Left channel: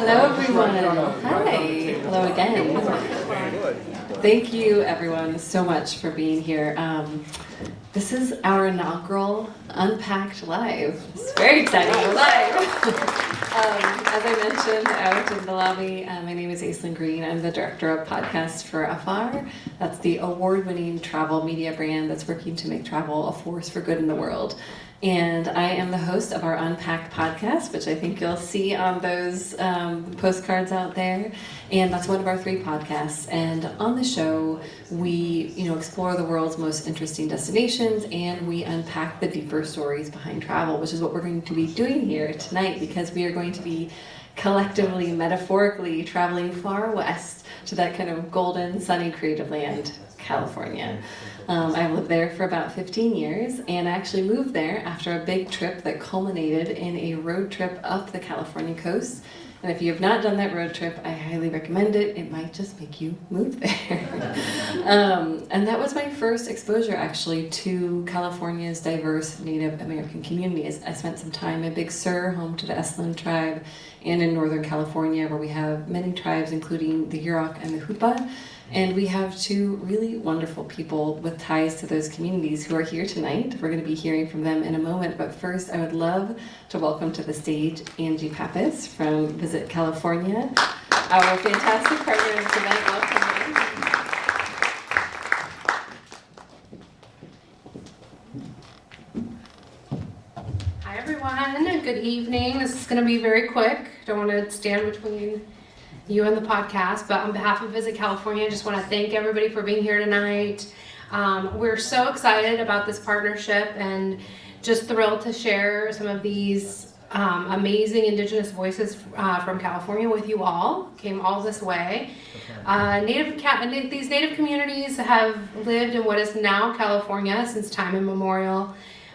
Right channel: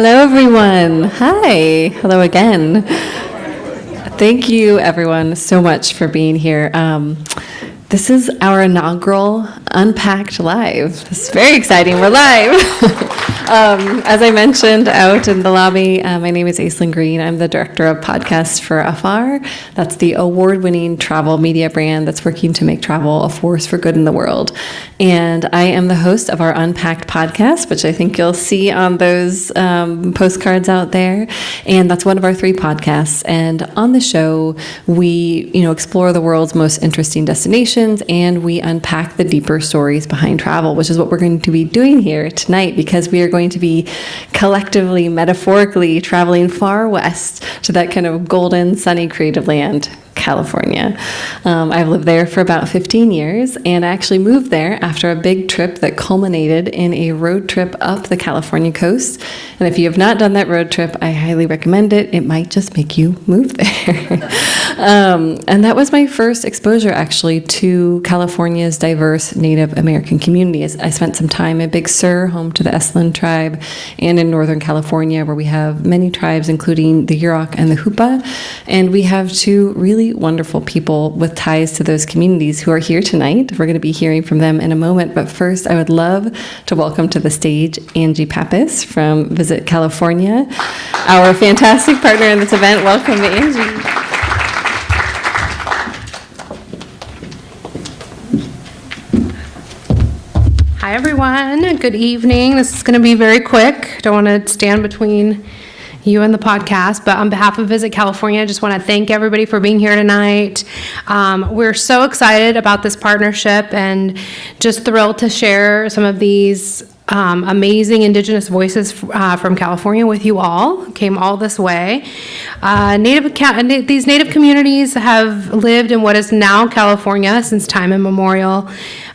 Hello, everyone. Hi. Hello again. Thank you, everyone, so much for being here. This is our inaugural Unpacked Live. It's very exciting. We're live. As I mentioned out in the lobby, my name is Aislyn Greene. I'm the director of podcasts for Afar. That's the award-winning travel media brand that's working to make travel a force for good in the world. And I am the host of our Unpacked podcast, which I think you'll see on those postcards out there. And that's one of our 3 podcasts. And on the show, we explore the world's most interesting destinations, and we unpack the deeper stories behind travel, which is what we're going to be doing here tonight, because we are going to be collectively, metaphorically, traveling far west to that kind of golden, sunny, creative land, California. I've lived there for about 15 years, and I actually moved there after a big trip that culminated in a road trip up the California coast. And if you have not done that road trip, I highly recommend it. It might just make you move there. And that was my first exposure, actually, to California's diverse Native American communities. I spent some time in Big Sur, home to the Aislyn tribe, and in Northern California, where we have many tribes, including the Yurok and the Hupa. And we have 2 really wonderful people with ties to those communities who are here tonight. We're going to be hearing from them in a moment. But first, I would love to welcome to the stage Angie Pappas from Visit California, our fantastic partner in this event. Welcome to Angie. Hi, everyone. Good evening. This is going to be very quick. Don't want to stand between you and the podcast, but on behalf of Visit California, I just want to thank everybody for being here tonight. We're so excited about this partnership and just thrilled to share some of these amazing Indigenous voices from California with you all. Came all this way. These Native communities have lived in what is now California since time immemorial.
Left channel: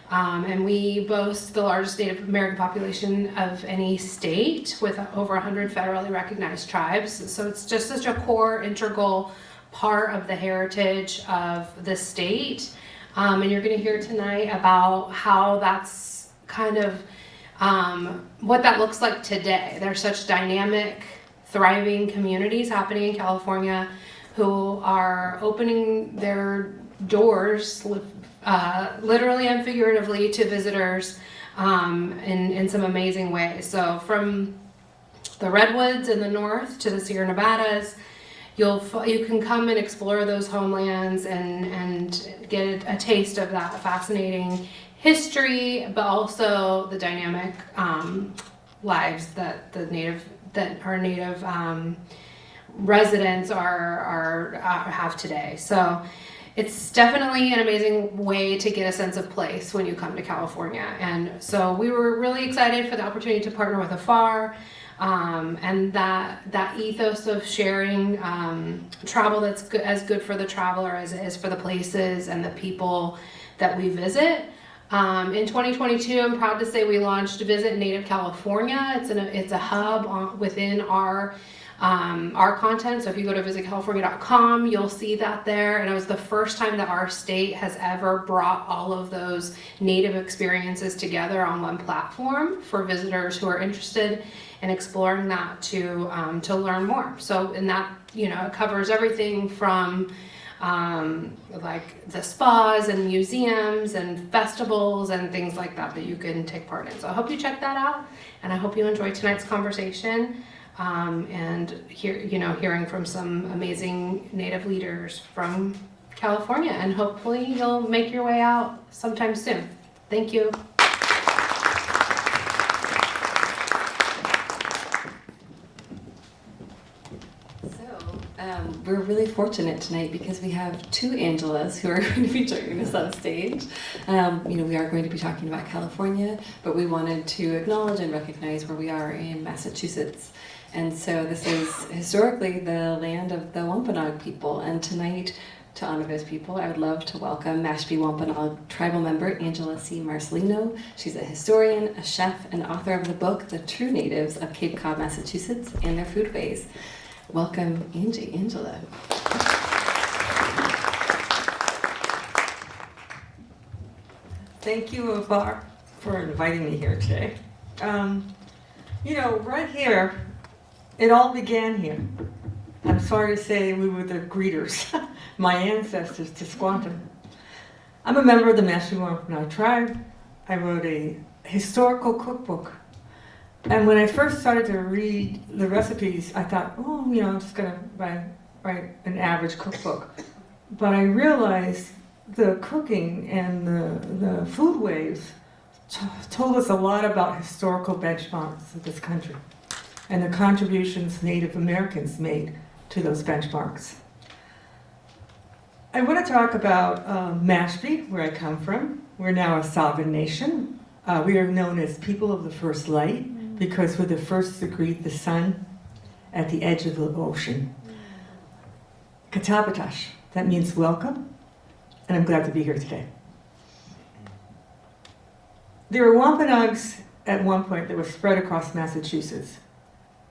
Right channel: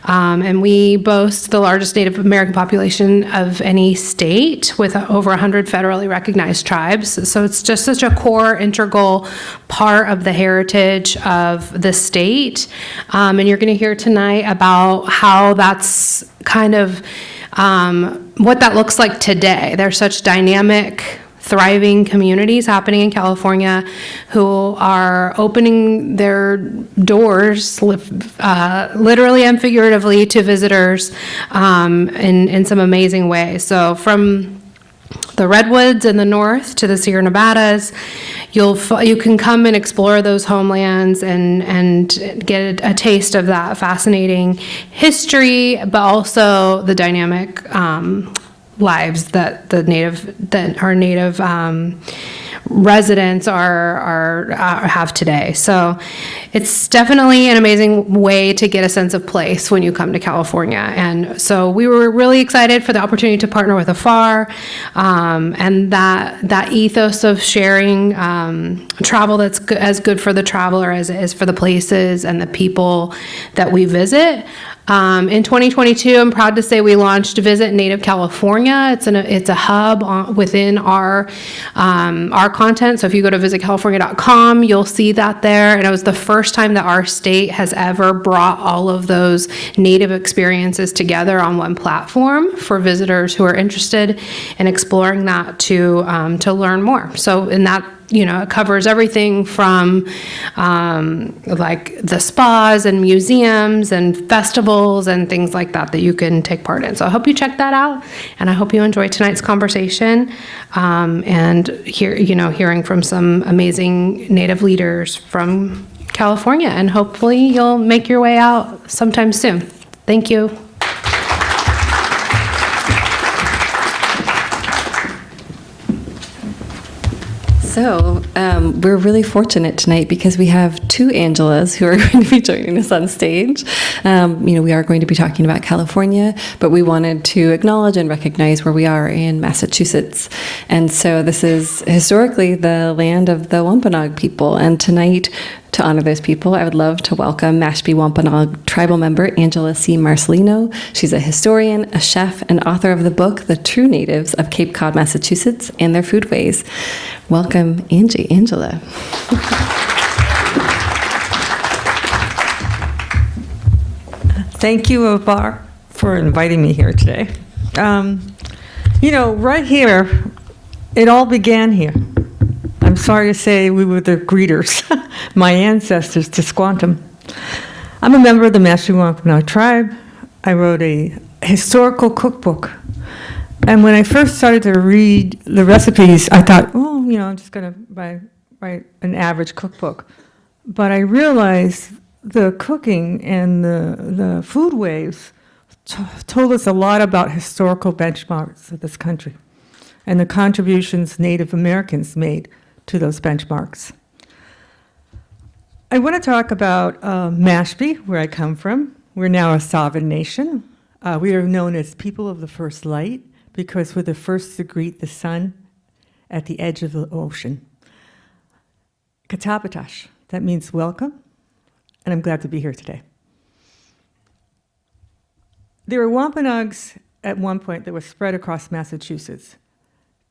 And we boast the largest Native American population of any state, with over 100 federally recognized tribes. So it's just such a core, integral part of the heritage of the state. And you're going to hear tonight about how that's kind of what that looks like today. There's such dynamic, thriving communities happening in California who are opening their doors, literally and figuratively, to visitors in some amazing ways. So from the Redwoods in the north to the Sierra Nevadas, you can come and explore those homelands and get a taste of that fascinating history, but also the dynamic lives that our native residents have today. So it's definitely an amazing way to get a sense of place when you come to California. And so we were really excited for the opportunity to partner with Afar, and that ethos of sharing travel that's as good for the traveler as it is for the places and the people that we visit. In 2022, I'm proud to say we launched Visit Native California. It's a hub within our content. So if you go to visitcalifornia.com, you'll see that there. And it was the first time that our state has ever brought all of those Native experiences together on one platform for visitors who are interested in exploring that to learn more. So in that, it covers everything from like the spas and museums and festivals and things like that you can take part in. So I hope you check that out, and I hope you enjoy tonight's conversation and hearing from some amazing Native leaders from California. And hopefully you'll make your way out sometime soon. Thank you. So we're really fortunate tonight because we have 2 Angelas who are going to be joining us on stage. We are going to be talking about California, but we wanted to acknowledge and recognize where we are in Massachusetts. And so this is historically the land of the Wampanoag people. And tonight, to honor those people, I would love to welcome Mashpee Wampanoag tribal member Angela C. Marcelino. She's a historian, a chef, and author of the book, The True Natives of Cape Cod, Massachusetts, and Their Foodways. Welcome, Angela. Thank you, Afar, for inviting me here today. Right here It all began here. I'm sorry to say we were the greeters, my ancestors to Squantum. I'm a member of the Mashpee Wampanoag tribe. I wrote a historical cookbook. And when I first started to read the recipes, I thought, oh, I'm just going to write an average cookbook. But I realized the cooking and the food waves told us a lot about historical benchmarks of this country and the contributions Native Americans made to those benchmarks. I want to talk about Mashpee, where I come from. We're now a sovereign nation. We are known as people of the first light because we're the first to greet the sun at the edge of the ocean. Katabatash, that means welcome, and I'm glad to be here today. There were Wampanoags at one point that were spread across Massachusetts.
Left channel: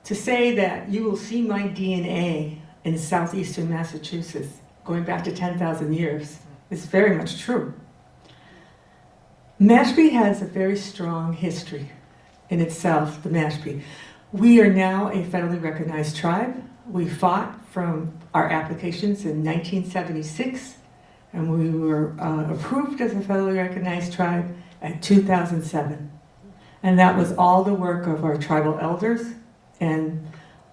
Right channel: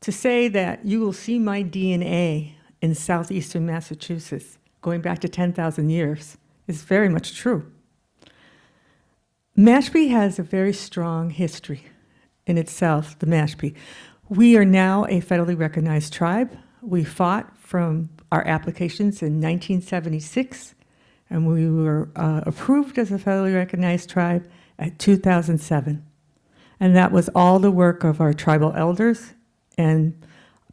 To say that you will see my DNA in southeastern Massachusetts going back to 10,000 years is very much true. Mashpee has a very strong history in itself, the Mashpee. We are now a federally recognized tribe. We fought from our applications in 1976, and we were approved as a federally recognized tribe at 2007. And that was all the work of our tribal elders and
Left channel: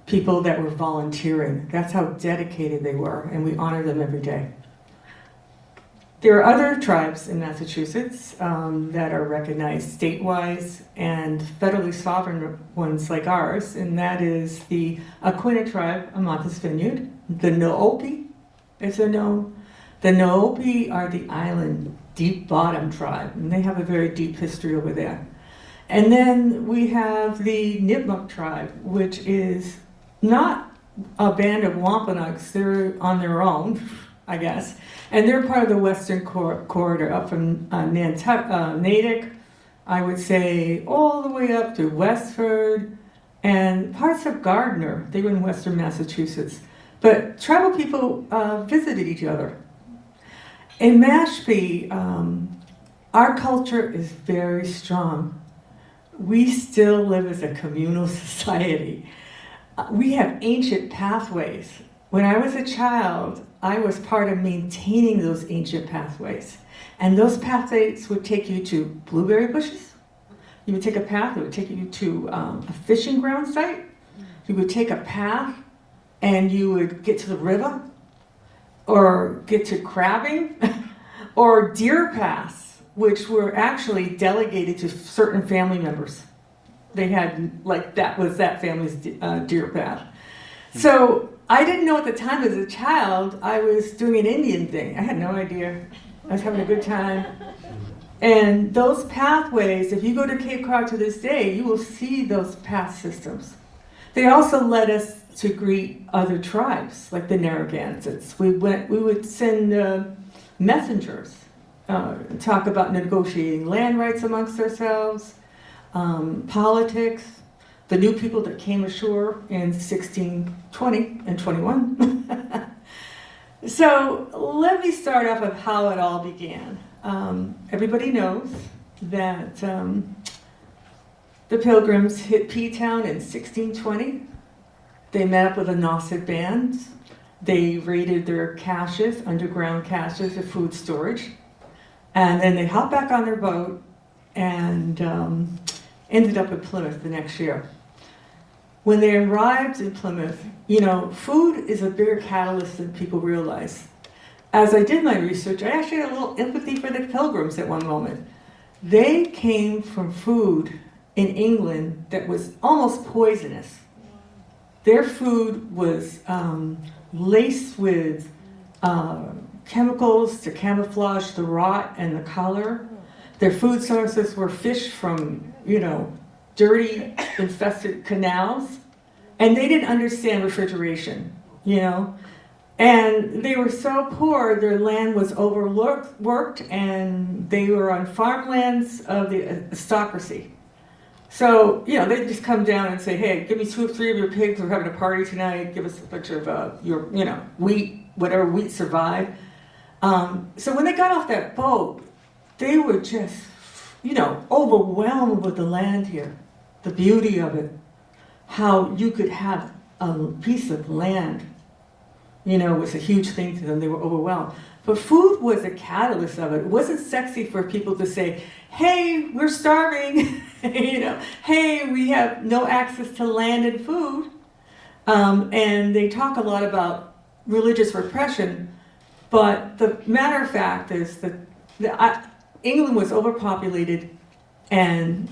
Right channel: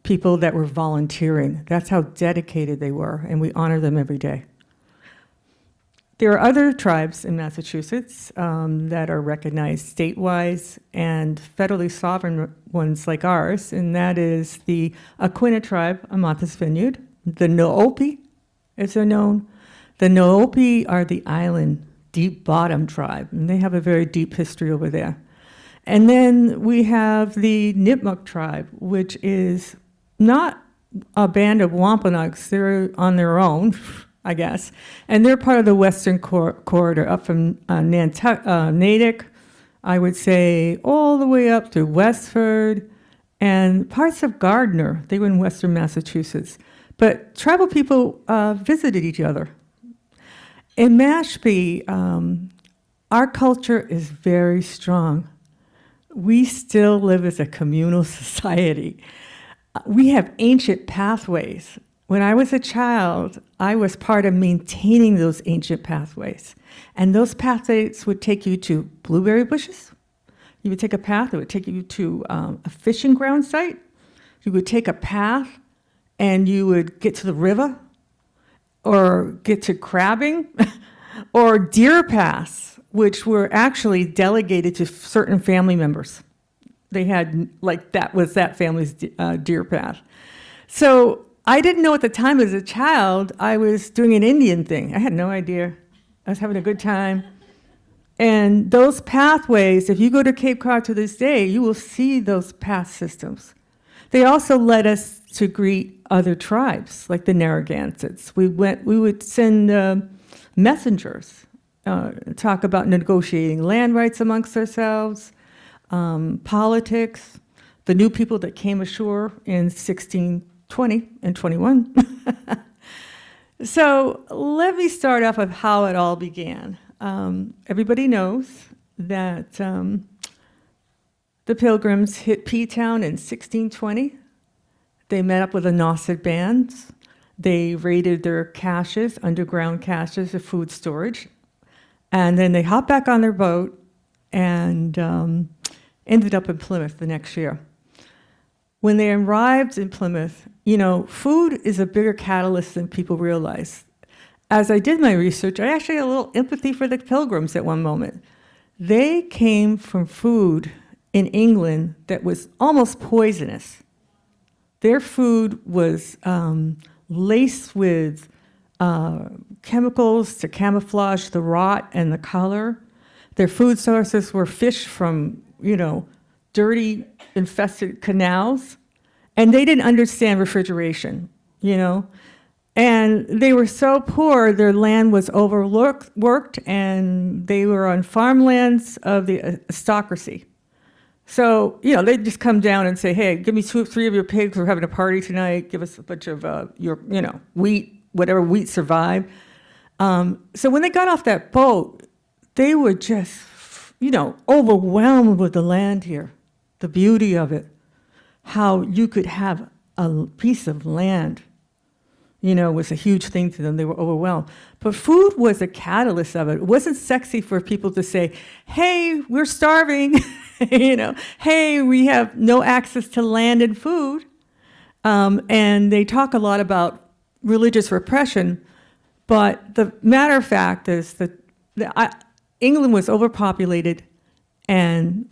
people that were volunteering. That's how dedicated they were, and we honor them every day. There are other tribes in Massachusetts that are recognized statewide and federally sovereign ones like ours, and that is the Acuna tribe on Martha's Vineyard. The Noopi, as they're known. The Noopi are the island deep bottom tribe, and they have a very deep history over there. And then we have the Nipmuc tribe, which is not a band of Wampanoags. They're on their own, I guess. And they're part of the Western Corridor, up from Natick, I would say, all the way up to Westford and parts of Gardner. They were in Western Massachusetts. But tribal people visited each other. In Mashpee, our culture is very strong. We still live as a communal society. We have ancient pathways. When I was a child, I was part of maintaining those ancient pathways. And those pathways would take you to blueberry bushes. You would take a path that would take you to a fishing ground site. You would take a path and you would get to the river or get to crabbing or deer paths, which were actually delegated to certain family members. They had, like, that was that family's deer path. So I didn't know at the time as a child I was doing an Indian thing. I had no idea. I was having a good time. And those pathways, if you go to Cape Cod to this day, you will see those path systems. They also led us to greet other tribes, like the Narragansetts. We would send messengers, talk about negotiating land rights amongst ourselves, politics, the new people that came ashore in 1620 and 21. So let me start off with how it all began. Everybody knows that the Pilgrims hit P-Town in 1620. They met up with the Nauset bands. They raided their caches, underground caches of food storage. And then they hopped back on their boat and ended up in Plymouth the next year. When they arrived in Plymouth, food is a bigger catalyst than people realize. As I did my research, I actually had a little empathy for the Pilgrims at one moment. They came from food in England that was almost poisonous. Their food was laced with chemicals to camouflage the rot and the color. Their food sources were fish from, dirty, infested canals. And they didn't understand refrigeration, And they were so poor, their land was overworked, and they were on farmlands of the aristocracy. So, they'd just come down and say, hey, give me 2 or 3 of your pigs. We're having a party tonight. Give us a bunch of your, wheat, whatever wheat survived. So when they got off that boat, they were just, overwhelmed with the land here, the beauty of it, how you could have a piece of land, was a huge thing to them. They were overwhelmed. But food was a catalyst of it. It wasn't sexy for people to say, hey, we're starving, hey, we have no access to land and food. And they talk a lot about religious repression, but the matter of fact is that England was overpopulated and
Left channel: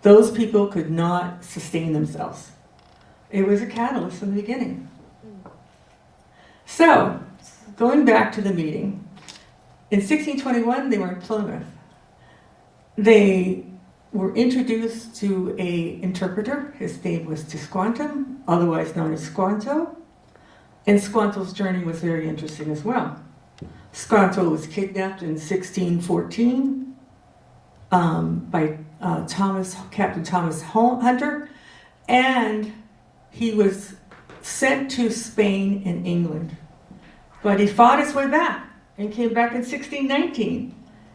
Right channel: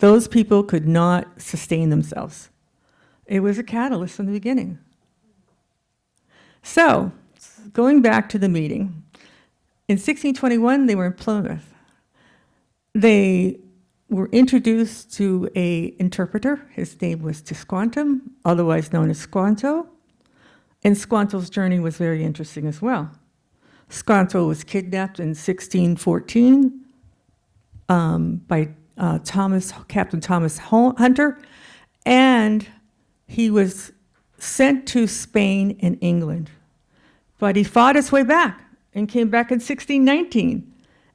those people could not sustain themselves. It was a catalyst from the beginning. So, going back to the meeting, in 1621 they were in Plymouth. They were introduced to an interpreter. His name was Tisquantum, otherwise known as Squanto. And Squanto's journey was very interesting as well. Squanto was kidnapped in 1614 by Captain Thomas Hunter, and he was sent to Spain and England. But he fought his way back and came back in 1619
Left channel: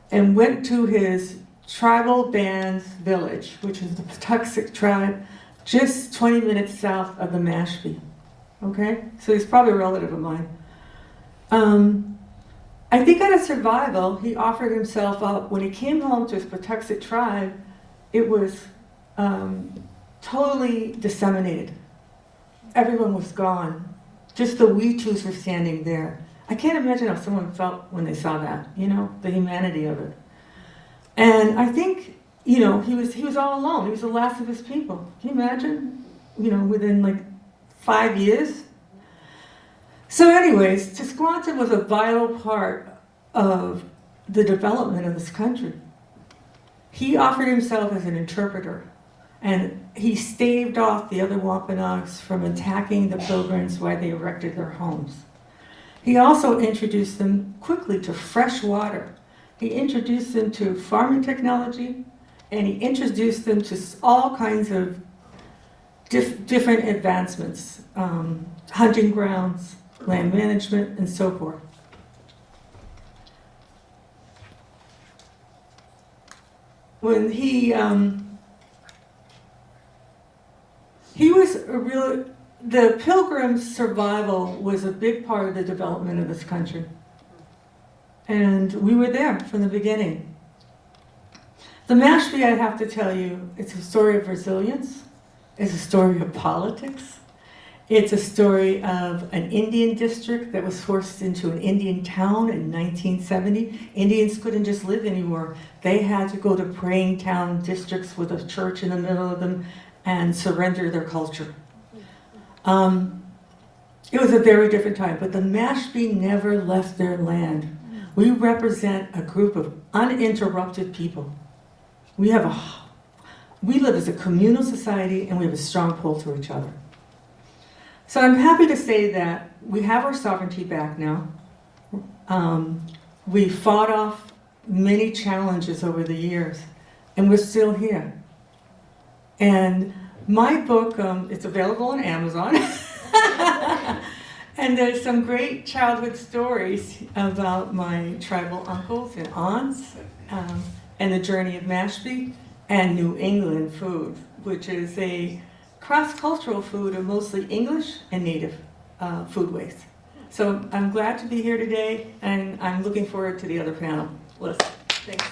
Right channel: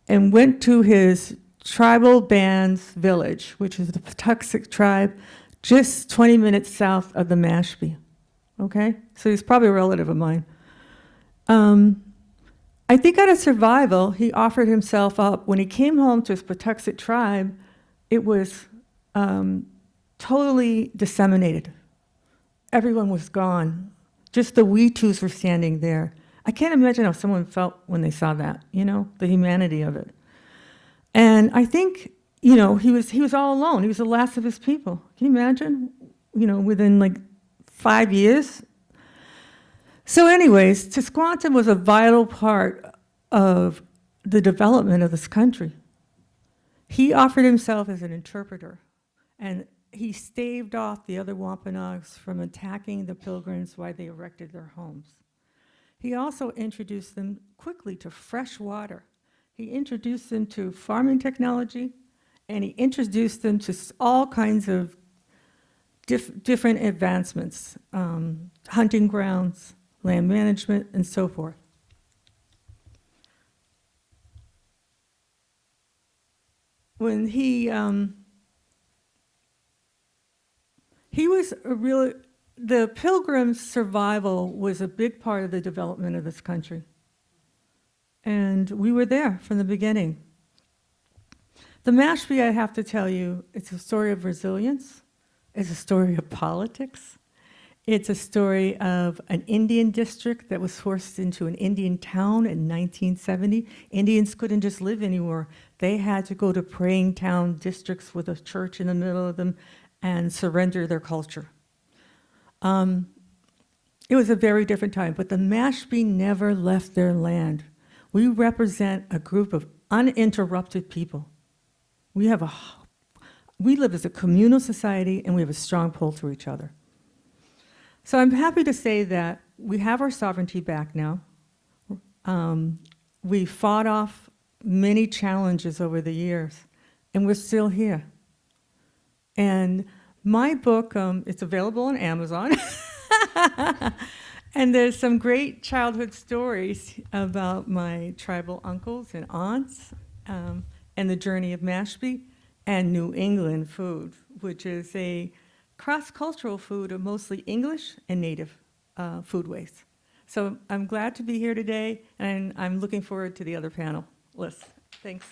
and went to his tribal band's village, which is the Patuxent tribe, just 20 minutes south of the Mashpee. Okay? So he's probably a relative of mine. I think out of survival, he offered himself up. When he came home to his Patuxent tribe, it was totally disseminated. Everyone was gone. Just the Weetus were standing there. I can't imagine how someone felt when they saw that, the humanity of it. And I think, he was all alone. He was the last of his people. Can you imagine? Within 5 years. So anyways, Tisquantum was a vital part of the development of this country. He offered himself as an interpreter, and he staved off the other Wampanoags from attacking the Pilgrims while they erected their homes. He also introduced them quickly to fresh water. He introduced them to farming technology, and he introduced them to all kinds of different advancements, hunting grounds, land management, and so forth. When he was the Pilgrims' survival was a big part of the development of this country. And we were there from the beginning. The Mashpee, I have to tell you, it's a story of resilience. It's a story of politics. It's a story of an Indian district that was forced into an Indian town in 1970. Indians couldn't just live anymore. They had to go to praying town districts with a church in the middle of them and surrender their culture. It was a very different time, but the Mashpee never left their land. We represent a group of uninterrupted people. We live as a communal society, and we have a strong pull to each other. So I'm happy to say that we have our sovereignty back now. We fought off many challenges over the years, and we're still here. And my book is available on Amazon. And there's some great childhood stories about my tribal uncles and aunts, and the journey of Mashpee, and New England food, which is a cross-cultural food of mostly English and Native foodways. So I'm glad to be here today, and I'm looking forward to the other panel. Thanks.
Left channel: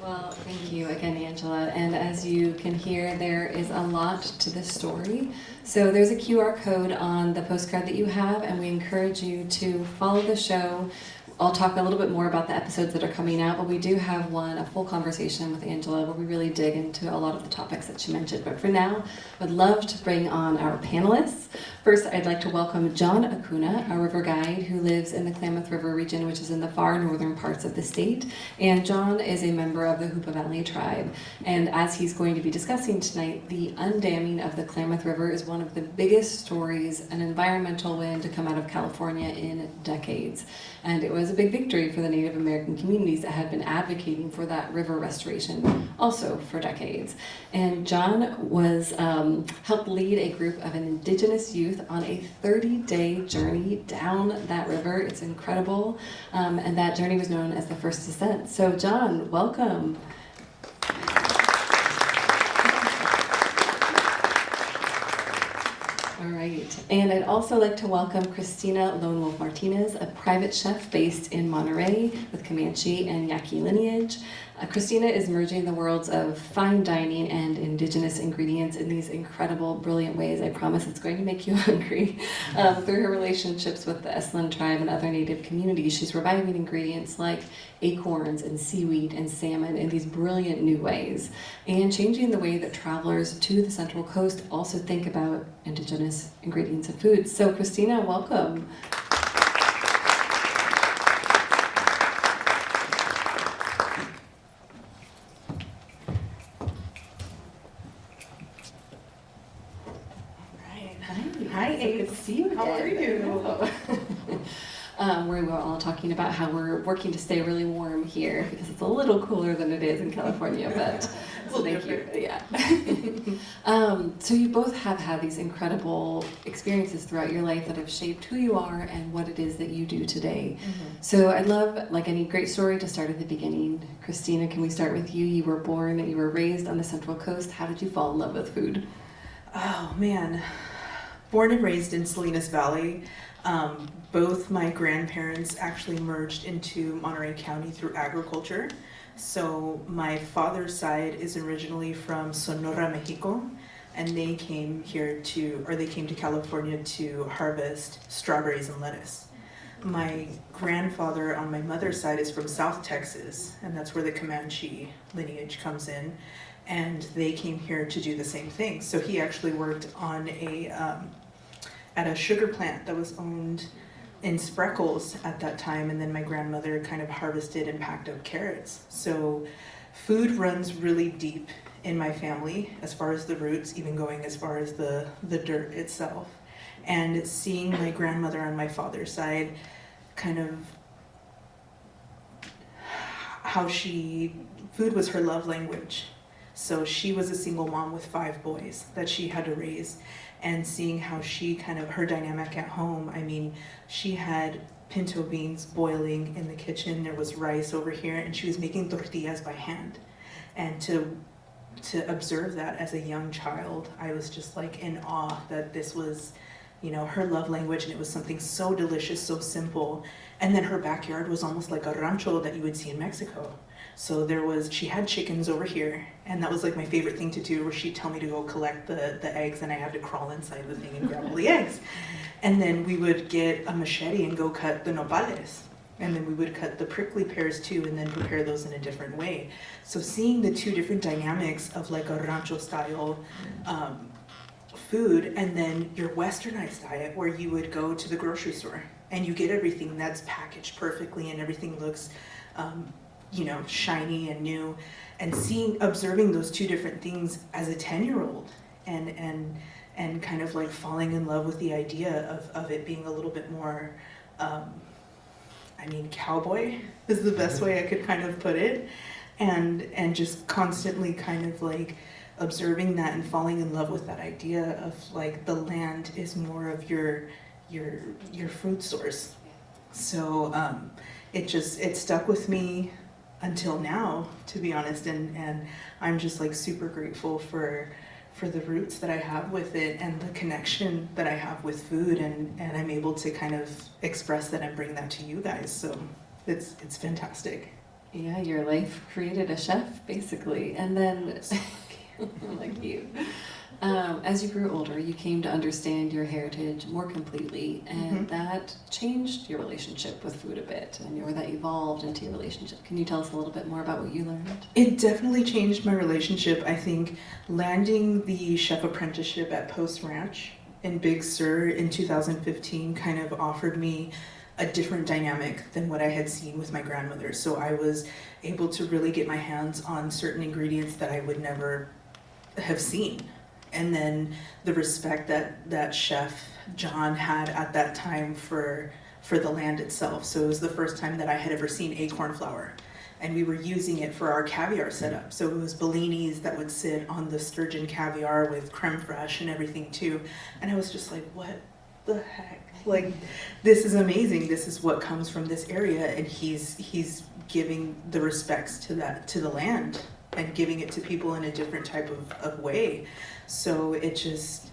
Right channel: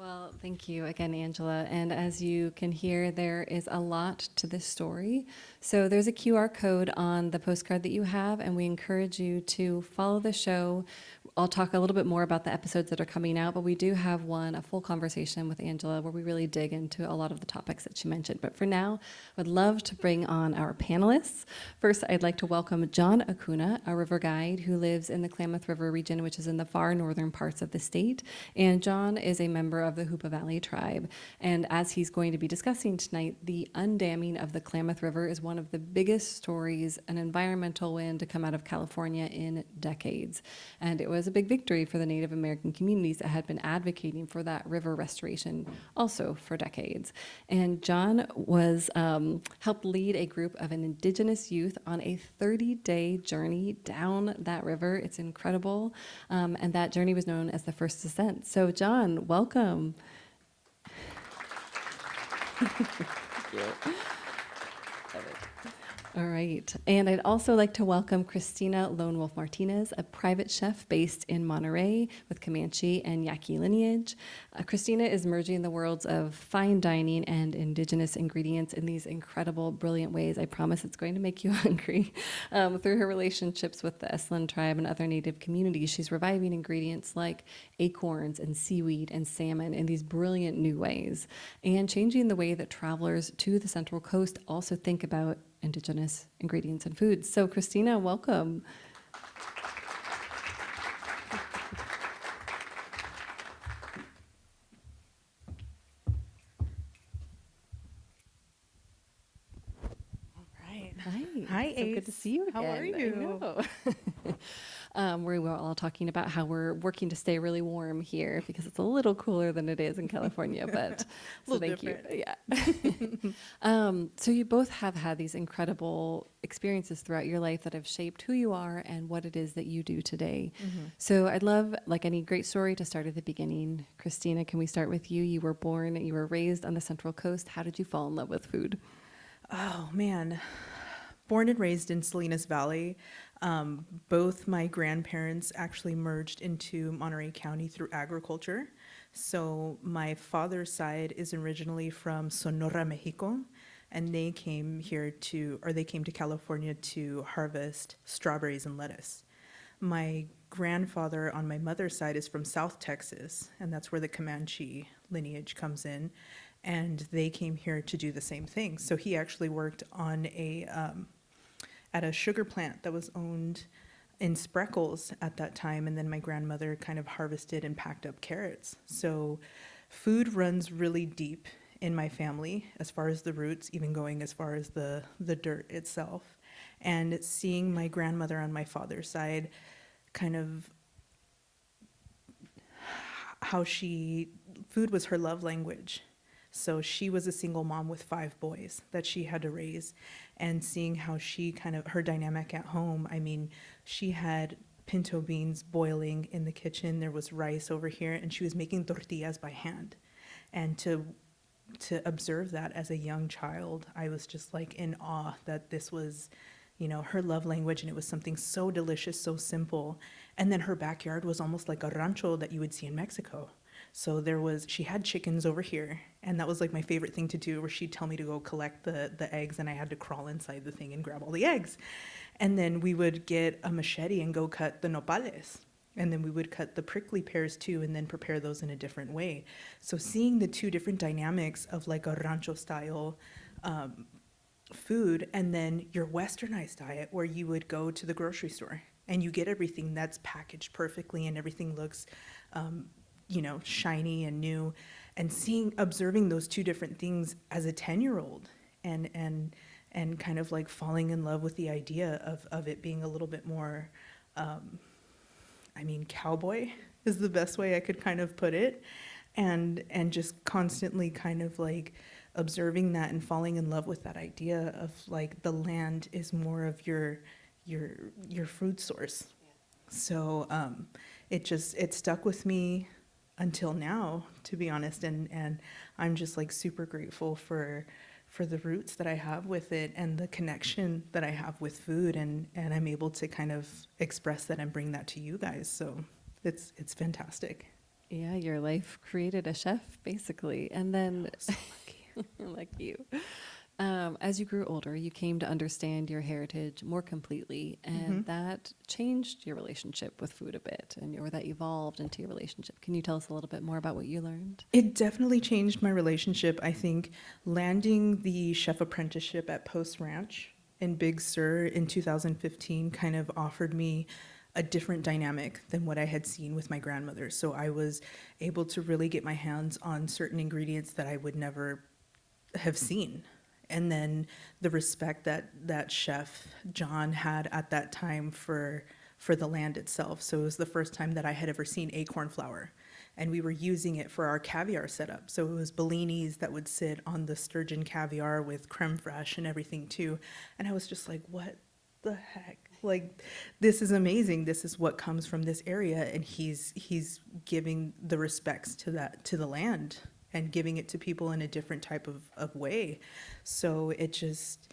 Well, thank you again, Angela. And as you can hear, there is a lot to this story. So there's a QR code on the postcard that you have, and we encourage you to follow the show. I'll talk a little bit more about the episodes that are coming out, but we do have a full conversation with Angela where we really dig into a lot of the topics that she mentioned. But for now, I'd love to bring on our panelists. First, I'd like to welcome John Acuna, a river guide who lives in the Klamath River region, which is in the far northern parts of the state. And John is a member of the Hoopa Valley tribe. And as he's going to be discussing tonight, the undamming of the Klamath River is one of the biggest stories, an environmental win to come out of California in decades. And it was was a big victory for the Native American communities that had been advocating for that river restoration also for decades. And John was helped lead a group of an Indigenous youth on a 30-day journey down that river. It's incredible, and that journey was known as the First Descent. So John, welcome. All right, and I'd also like to welcome Christina Lonewolf Martinez, a private chef based in Monterey with Comanche and Yaqui lineage. Christina is merging the worlds of fine dining and indigenous ingredients in these incredible, brilliant ways. I promise it's going to make you hungry. Through her relationships with the Aislyn tribe and other native communities, she's reviving ingredients like acorns and seaweed and salmon in these brilliant new ways, and changing the way that travelers to the Central Coast also think about indigenous ingredients and foods. So Christina, welcome. Hi, Good to see you. How are you? We were all talking about how we're working to stay really warm here because it's a little cooler than it is in California, but so thank you. Yeah. So you both have had these incredible experiences throughout your life that have shaped who you are and what it is that you do today. So I'd love, like any great story, to start at the beginning. Christina, can we start with you? You were born and you were raised on the Central Coast. How did you fall in love with food? Oh man, born and raised in Salinas Valley. Both my grandparents actually merged into Monterey County through agriculture. So my father's side is originally from Sonora, Mexico, and they came to California to harvest strawberries and lettuce. My grandfather on my mother's side is from South Texas, and that's where the Comanche lineage comes in. And they came here to do the same thing. So he actually worked on at a sugar plant that was owned in Spreckles at that time, and then my grandmother kind of harvested and packed up carrots. So food runs really deep in my family as far as the roots, even going as far as the dirt itself. And seeing my grandmother on my father's side kind of how food was her love language. So she was a single mom with 5 boys that she had to raise, and seeing how she her dynamic at home. I mean, she had pinto beans boiling in the kitchen, there was rice over here, and she was making tortillas by hand. And to observe that as a young child, I was just like in awe that this was, her love language, and it was something so delicious, so simple. And then her backyard was almost like a rancho that you would see in Mexico. So she had chickens over here, and that was like my favorite thing to do, where she'd tell me to go collect the eggs, and I had to crawl inside the thing and grab all the eggs. And then we would get a machete and go cut the nopales. And then we would cut the prickly pears too, and then prepare those in a different way. So seeing the two different dynamics of like a rancho style food, and then your westernized diet, where you would go to the grocery store and you get everything that's packaged perfectly and everything looks shiny and new, and observing those two different things as a 10-year-old, and kind of like falling in love with the idea of it being a little bit more, cowboy is the best way I could kind of put it, and just constantly kind of like observing that and falling in love with that idea of like the land is more of your food source. So it stuck with me until now, to be honest, and I'm just like super grateful for the roots that I have with it, and the connection that I have with food, and I'm able to kind of express that and bring that to you guys. So it's fantastic. Yeah, your life created a chef, basically. And then, like you, as you grew older, you came to understand your heritage more completely, and that changed your relationship with food a bit, or that evolved into your relationship. Can you tell us a little bit more about what you learned? It definitely changed my relationship. I think landing the chef apprenticeship at Post Ranch in Big Sur in 2015 kind of offered me a different dynamic than what I had seen with my grandmother. So I was able to really get my hands on certain ingredients that I would never have seen. And then the respect that chef John had at that time for for the land itself. So it was the first time that I had ever seen acorn flour. And we were using it for our caviar setup. So it was Bellinis that would sit on the sturgeon caviar with creme fraiche and everything too. And I was just like, what the heck? Like, this is amazing. This is what comes from this area. And he's giving the respects to the land and giving it to people in a different type of way. So it just,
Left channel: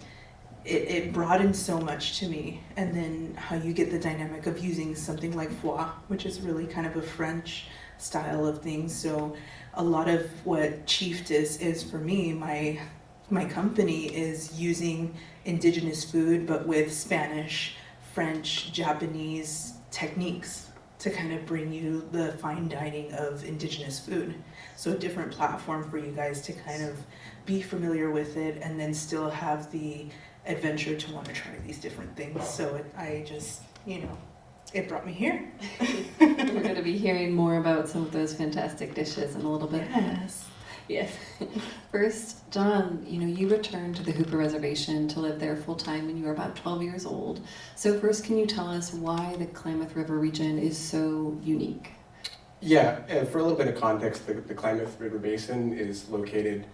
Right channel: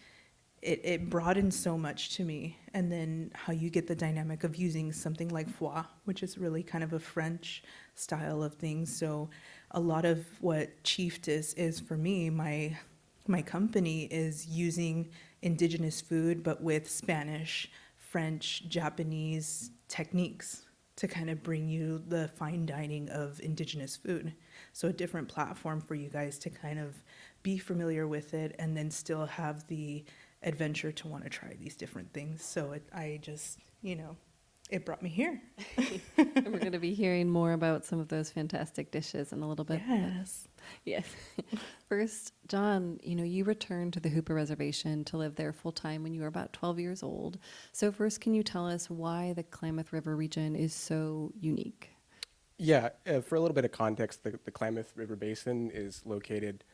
it broadened so much to me. And then how you get the dynamic of using something like foie, which is really kind of a French style of things. So a lot of what Chieftess is for me, my company is using indigenous food, but with Spanish, French, Japanese techniques to kind of bring you the fine dining of indigenous food. So a different platform for you guys to kind of be familiar with it and then still have the adventure to want to try these different things. So I just, it brought me here. We're going to be hearing more about some of those fantastic dishes in a little bit. Yes. Yes. First, John, you returned to the Hooper Reservation to live there full time when you were about 12 years old. So first, can you tell us why the Klamath River region is so unique? Yeah, and for a little bit of context, the Klamath River Basin is located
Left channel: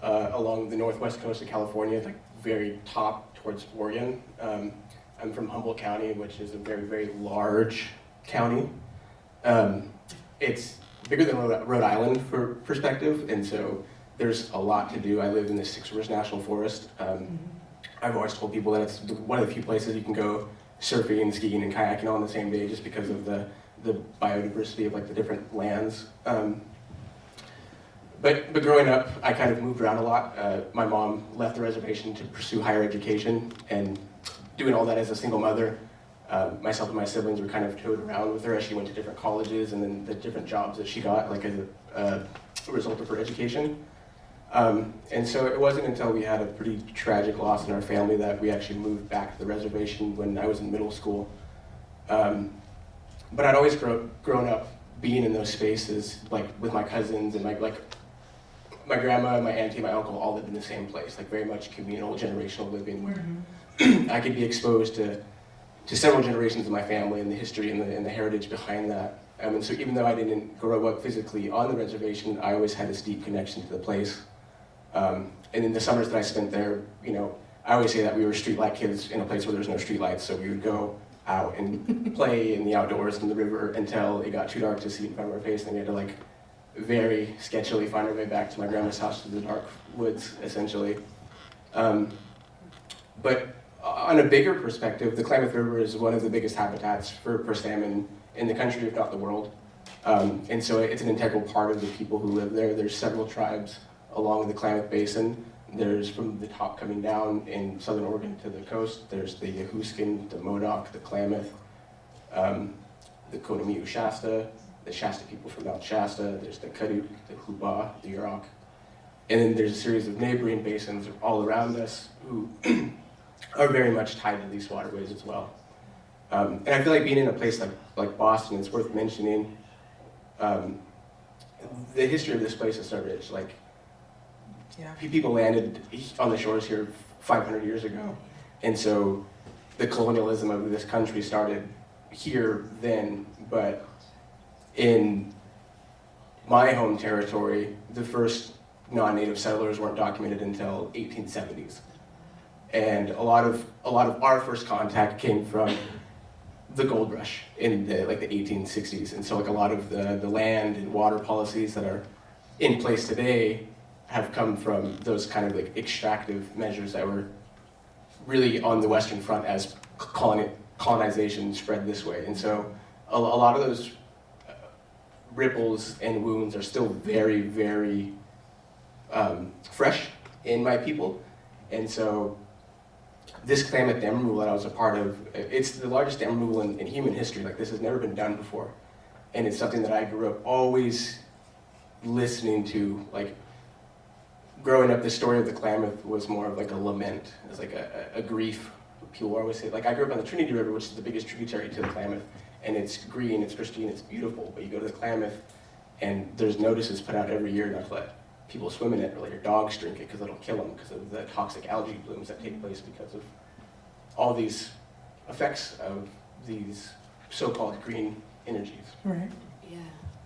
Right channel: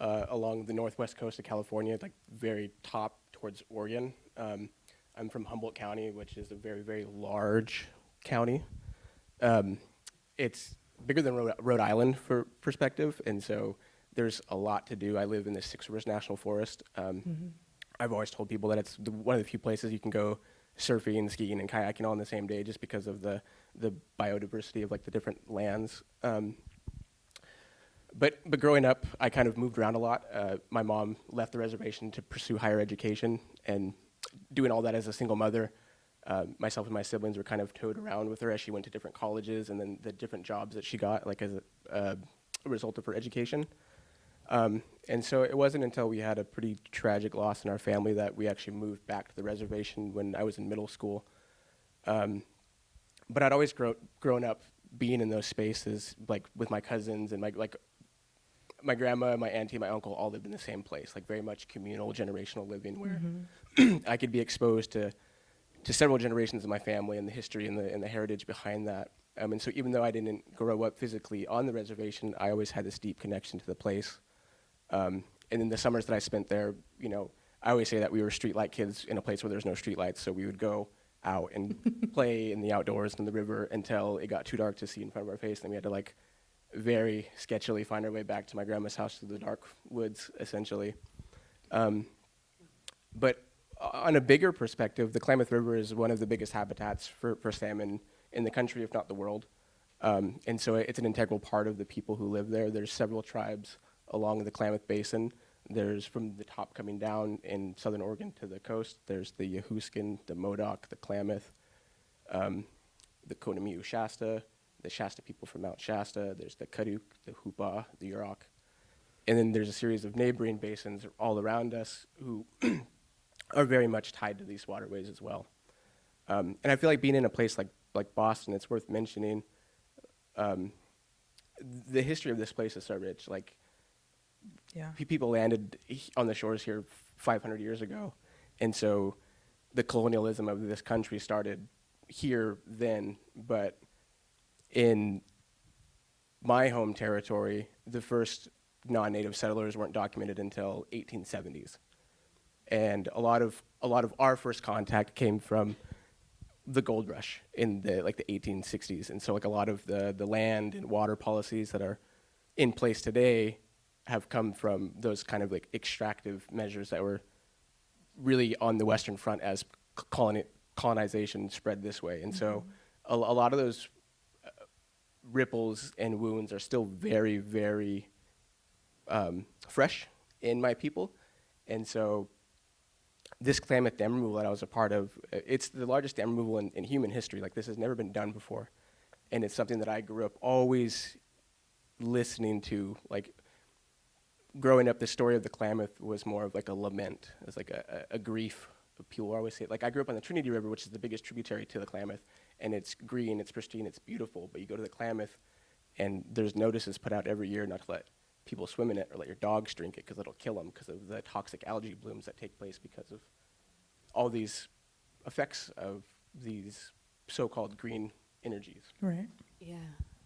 along the northwest coast of California, like very top towards Oregon. I'm from Humboldt County, which is a very, very large county. It's bigger than Rhode Island for perspective, and so there's a lot to do. I live in the Six Rivers National Forest. I've always told people that it's one of the few places you can go surfing and skiing and kayaking all on the same day just because of the biodiversity of like the different lands. But growing up, I kind of moved around a lot. My mom left the reservation to pursue higher education, and doing all that as a single mother, myself and my siblings were kind of towed around with her as she went to different colleges and then the different jobs that she got, like as a result of her education. And so it wasn't until we had a pretty tragic loss in our family that we actually moved back to the reservation when I was in middle school. But I'd always grown up being in those spaces, like with my cousins and my grandma, my auntie, my uncle all lived in the same place, like very much communal, generational living, where I could be exposed to several generations of my family and the history and the heritage behind that. And so even though I didn't grow up physically on the reservation, I always had this deep connection to the place. And in the summers that I spent there, I always say that we were streetlight kids in a place where there's no streetlights, so we would go out and play in the outdoors in the river until it got too dark to see in front of our face, and we had to very sketchily find our way back to my grandma's house through the dark woods, essentially. But on a bigger perspective, the Klamath River is one of the biggest habitats for salmon in the country, if not the world. And so it's an integral part of the people who live there. There's several tribes along the Klamath Basin. There's from the top coming down in southern Oregon to the coast. There's the Yahuskin, the Modoc, the Klamath, the Conomiu Shasta, the Shasta people from Mount Shasta. There's the Kaduk, the Kluba, the Yurok. And then there's a series of neighboring basins all around us who are very much tied to these waterways as well. And I feel like being in a place like Boston, it's worth mentioning the history of this place is so rich. People landed on the shores here 500 years ago. And so the colonialism of this country started here then, but in my home territory, the first non-native settlers weren't documented until 1870s. And a lot of our first contact came from the gold rush in the 1860s. And so a lot of the land and water policies that are in place today have come from those kind of extractive measures that were really on the Western Front as colonization spread this way. And so a lot of those ripples and wounds are still very, very fresh in my people. And so this Klamath dam removal that I was a part of, it's the largest dam removal in human history. This has never been done before. And it's something that I grew up always listening to. Growing up, the story of the Klamath was more of a lament. It was a grief. People always say, I grew up on the Trinity River, which is the biggest tributary to the Klamath, and it's green, it's pristine, it's beautiful. But you go to the Klamath, and there's notices put out every year not to let people swim in it or let your dogs drink it because it'll kill them because of the toxic algae blooms that take place because of all these effects of these so-called green energies. Right.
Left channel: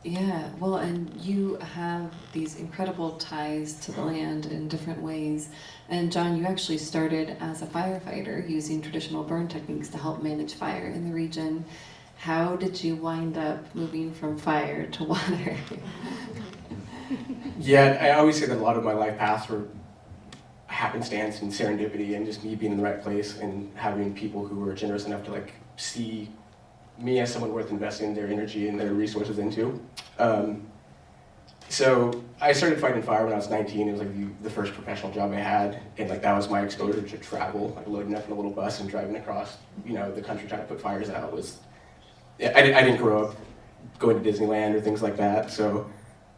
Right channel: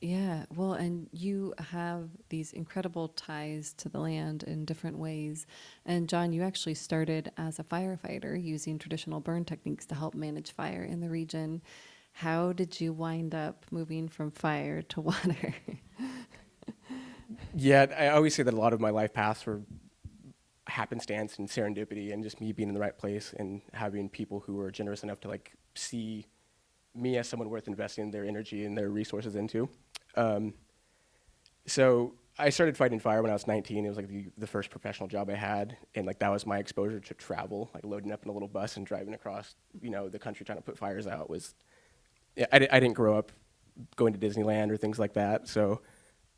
Yeah. Well, and you have these incredible ties to the land in different ways. And John, you actually started as a firefighter using traditional burn techniques to help manage fire in the region. How did you wind up moving from fire to water? Yeah, I always say that a lot of my life paths were happenstance and serendipity and just me being in the right place and having people who were generous enough to like see me as someone worth investing their energy and their resources into. So I started fighting fire when I was 19. It was like the first professional job I had, and like that was my exposure to travel. Like loading up in a little bus and driving across, the country trying to put fires out was. Yeah, I didn't grow up going to Disneyland or things like that, so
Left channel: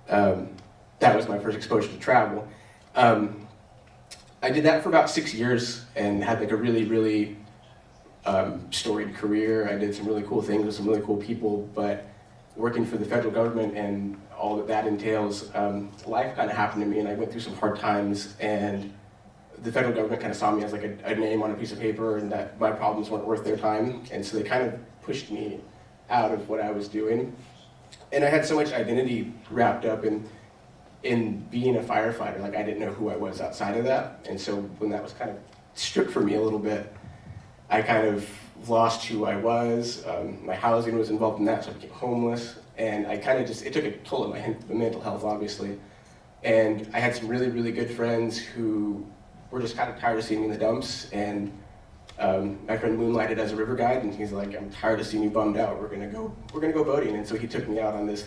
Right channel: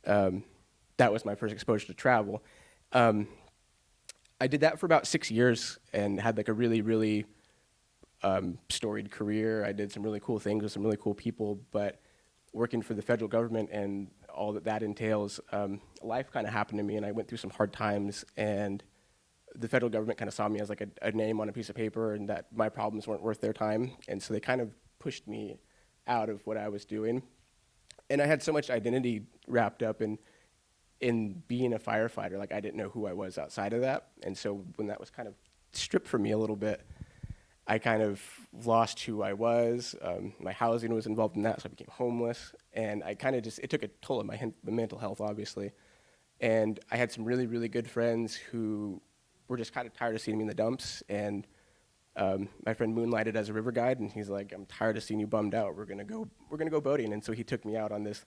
that was my first exposure to travel. I did that for about 6 years and had like a really, really storied career. I did some really cool things with some really cool people, but working for the federal government and all that entails, life kind of happened to me, and I went through some hard times, and the federal government kind of saw me as like a name on a piece of paper and that my problems weren't worth their time, and so they kind of pushed me out of what I was doing. And I had so much identity wrapped up in being a firefighter, like I didn't know who I was outside of that, and so when that was kind of stripped from me a little bit, I kind of lost who I was. My housing was involved in that, so I became homeless, and I kind of it took a toll on my mental health, obviously. And I had some really, really good friends who were just kind of tired of seeing me in the dumps, and my friend moonlighted as a river guide, and he's like, I'm tired of seeing you bummed out, we're gonna go boating. And so he took me out on this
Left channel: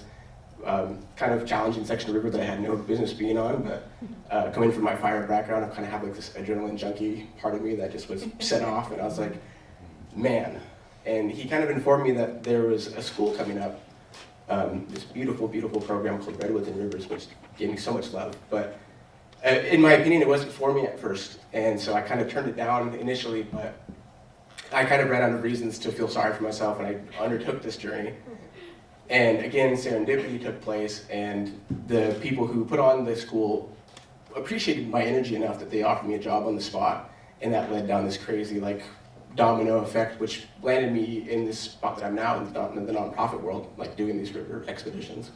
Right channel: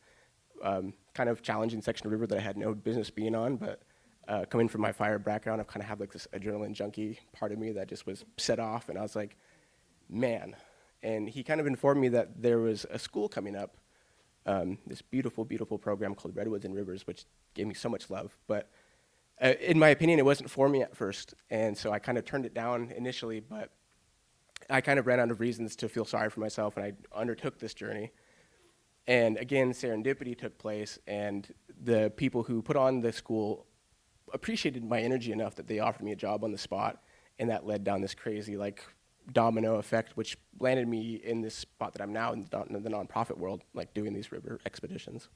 kind of challenging section of the river that I had no business being on, but coming from my fire background, I kind of have like this adrenaline junkie part of me that just was set off, and I was like, man. And he kind of informed me that there was a school coming up, this beautiful, beautiful program called Redwoods and Rivers, which gave me so much love. But in my opinion, it wasn't for me at first, and so I kind of turned it down initially, but I kind of ran out of reasons to feel sorry for myself, and I undertook this journey. And again, serendipity took place, and the people who put on the school appreciated my energy enough that they offered me a job on the spot, and that led down this crazy like domino effect, which landed me in this spot that I'm now in the nonprofit world, like doing these river expeditions.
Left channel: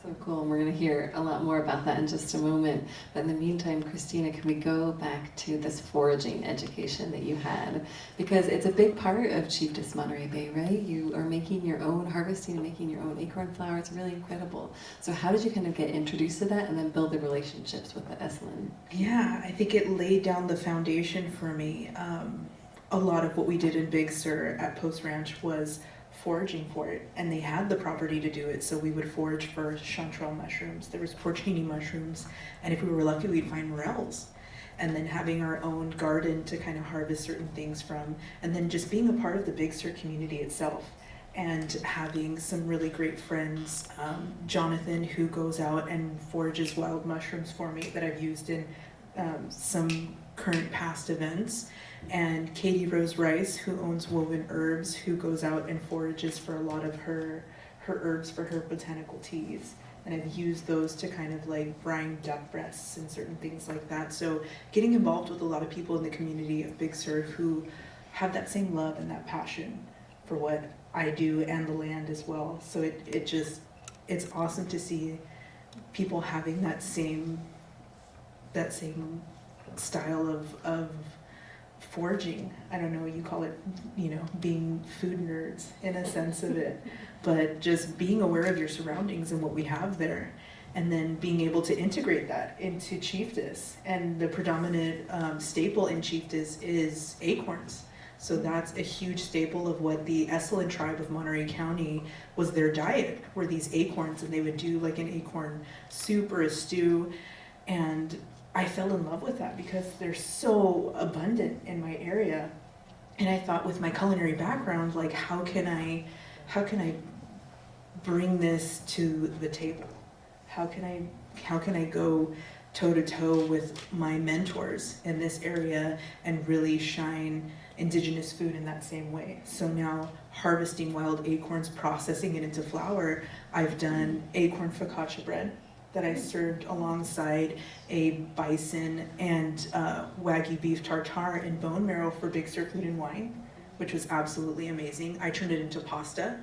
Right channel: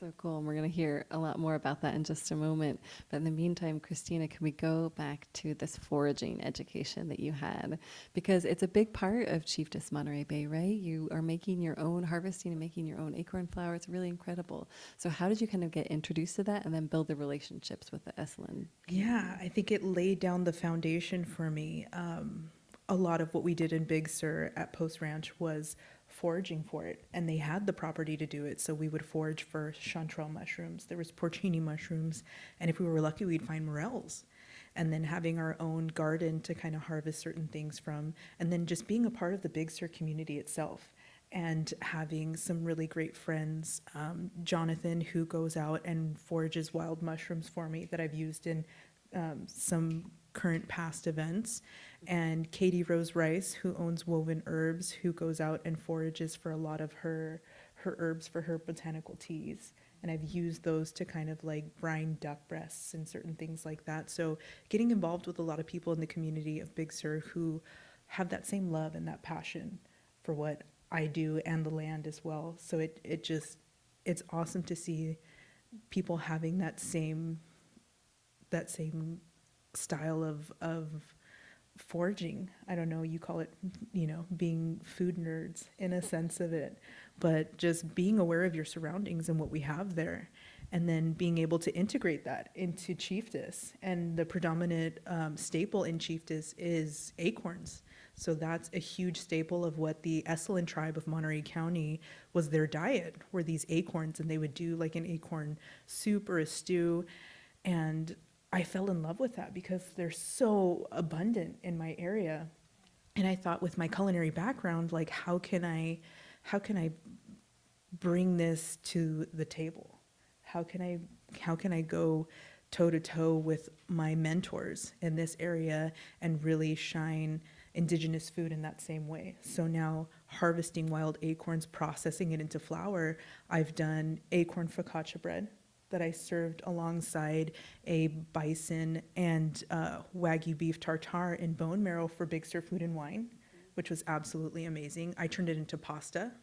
So cool. We're going to hear a lot more about that in just a moment. But in the meantime, Christina, can we go back to this foraging education that you had? Because it's a big part of Chieftess Monterey Bay, right? You are making your own harvesting, making your own acorn flowers, really incredible. So how did you kind of get introduced to that and then build the relationships with the Aislyn? Yeah, I think it laid down the foundation for me. A lot of what we did in Big Sur at Post Ranch was foraging for it, and they had the property to do it, so we would forage for chanterelle mushrooms. There was porcini mushrooms, and if we were lucky, we'd find morels. And then having our own garden to kind of harvest certain things from, and then just being a part of the Big Sur community itself, and having some really great friends. Jonathan, who goes out and forages wild mushrooms for me that I've used in some current past events. And Katie Rose Rice, who owns Woven Herbs, who goes out and forages for a lot of her herbs for her botanical teas. And I've used those to kind of like brine duck breasts and certain things like that. So getting involved with a lot of people in the community of Big Sur who have that same love and that passion for what I do and the land as well. So it's awesome to see people having that same style of foraging. I don't know what you call it, being food nerds in a sense of it, but just being aware of your surroundings and what we have there, and then being able to integrate that into Chieftess. And the predominant staple in Chieftess is acorns. So that's a huge staple of what the Aislyn tribe of Monterey County was their diet, were these acorns, and they would do like an acorn soup or a stew. And I fell in love with that because they're so abundant in my area. And I thought, with my culinary background, like how can I bring this to the table? How can I go toe to toe with my mentors in this area and really shine Indigenous food in that same way? So now, harvesting wild acorns, processing it into flour, I've done acorn focaccia bread that I served alongside a bison and Wagyu beef tartare and bone marrow for Big Sur Food and Wine, which was absolutely amazing. I turned it into pasta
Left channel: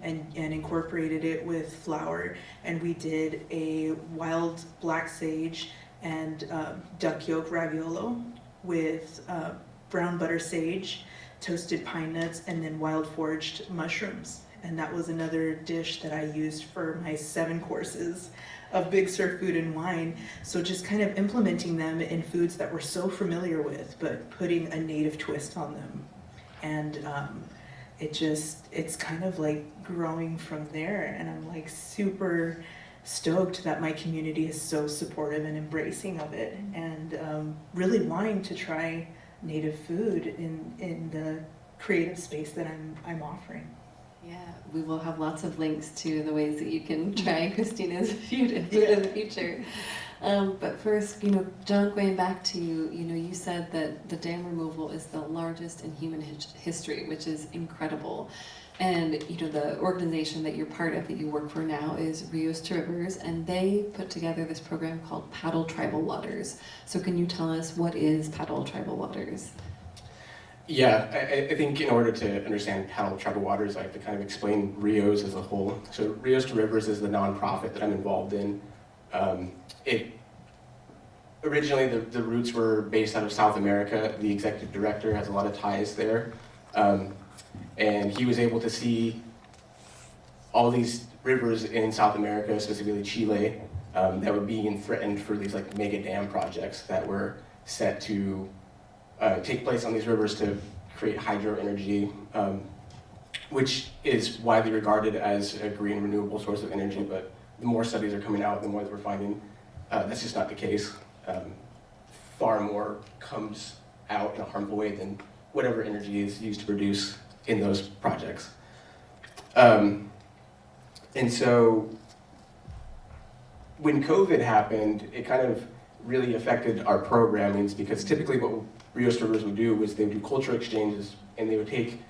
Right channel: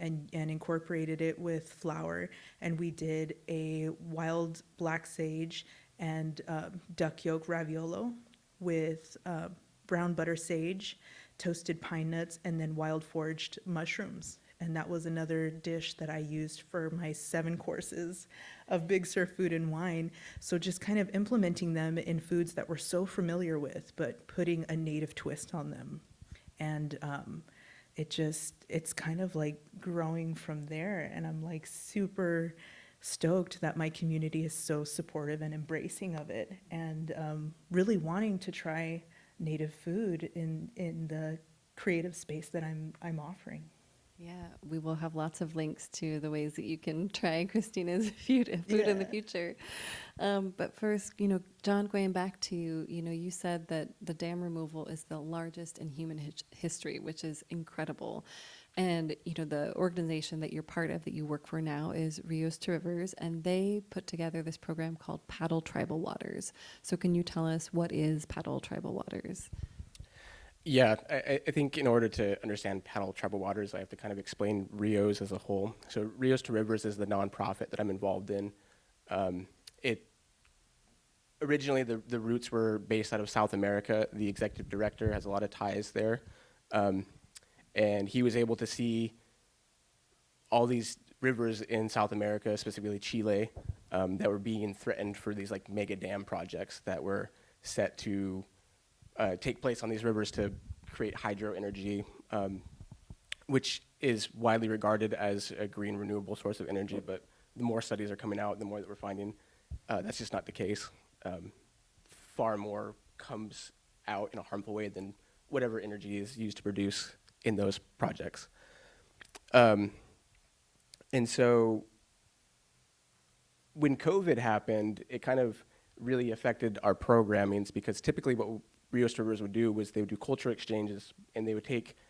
and incorporated it with flour, and we did a wild black sage and duck yolk raviolo with brown butter sage, toasted pine nuts, and then wild foraged mushrooms. And that was another dish that I used for my 7 courses of Big Sur Food and Wine. So just kind of implementing them in foods that we're so familiar with, but putting a native twist on them. And it's kind of like growing from there. And I'm like super stoked that my community is so supportive and embracing of it, and really wanting to try native food in the creative space that I'm offering. Yeah, we will have lots of links to the ways that you can try Christina's food in the future. But first, John, going back to you, you said that the dam removal is the largest in human history, which is incredible. And, the organization that you're part of, that you work for now, is Rios to Rivers, and they put together this program called Paddle Tribal Waters. So can you tell us what is Paddle Tribal Waters? Yeah, I think in order to understand Paddle Tribal Waters, I have to kind of explain Rios as a whole. So Rios to Rivers is the nonprofit that I'm involved in. Originally, the roots were based out of South America. The executive director has a lot of ties there. And he was able to see all these rivers in South America, specifically Chile, that were being threatened for these like mega dam projects that were set to take place on these rivers to create hydro energy, which is widely regarded as a green renewable source of energy. But the more studies are coming out, the more that we're finding that's just not the case. Far more comes out in a harmful way than whatever energy is used to produce in those projects. And so when COVID happened, it kind of really affected our programmings, because typically what Rios Rivers would do was they would do cultural exchanges, and they would take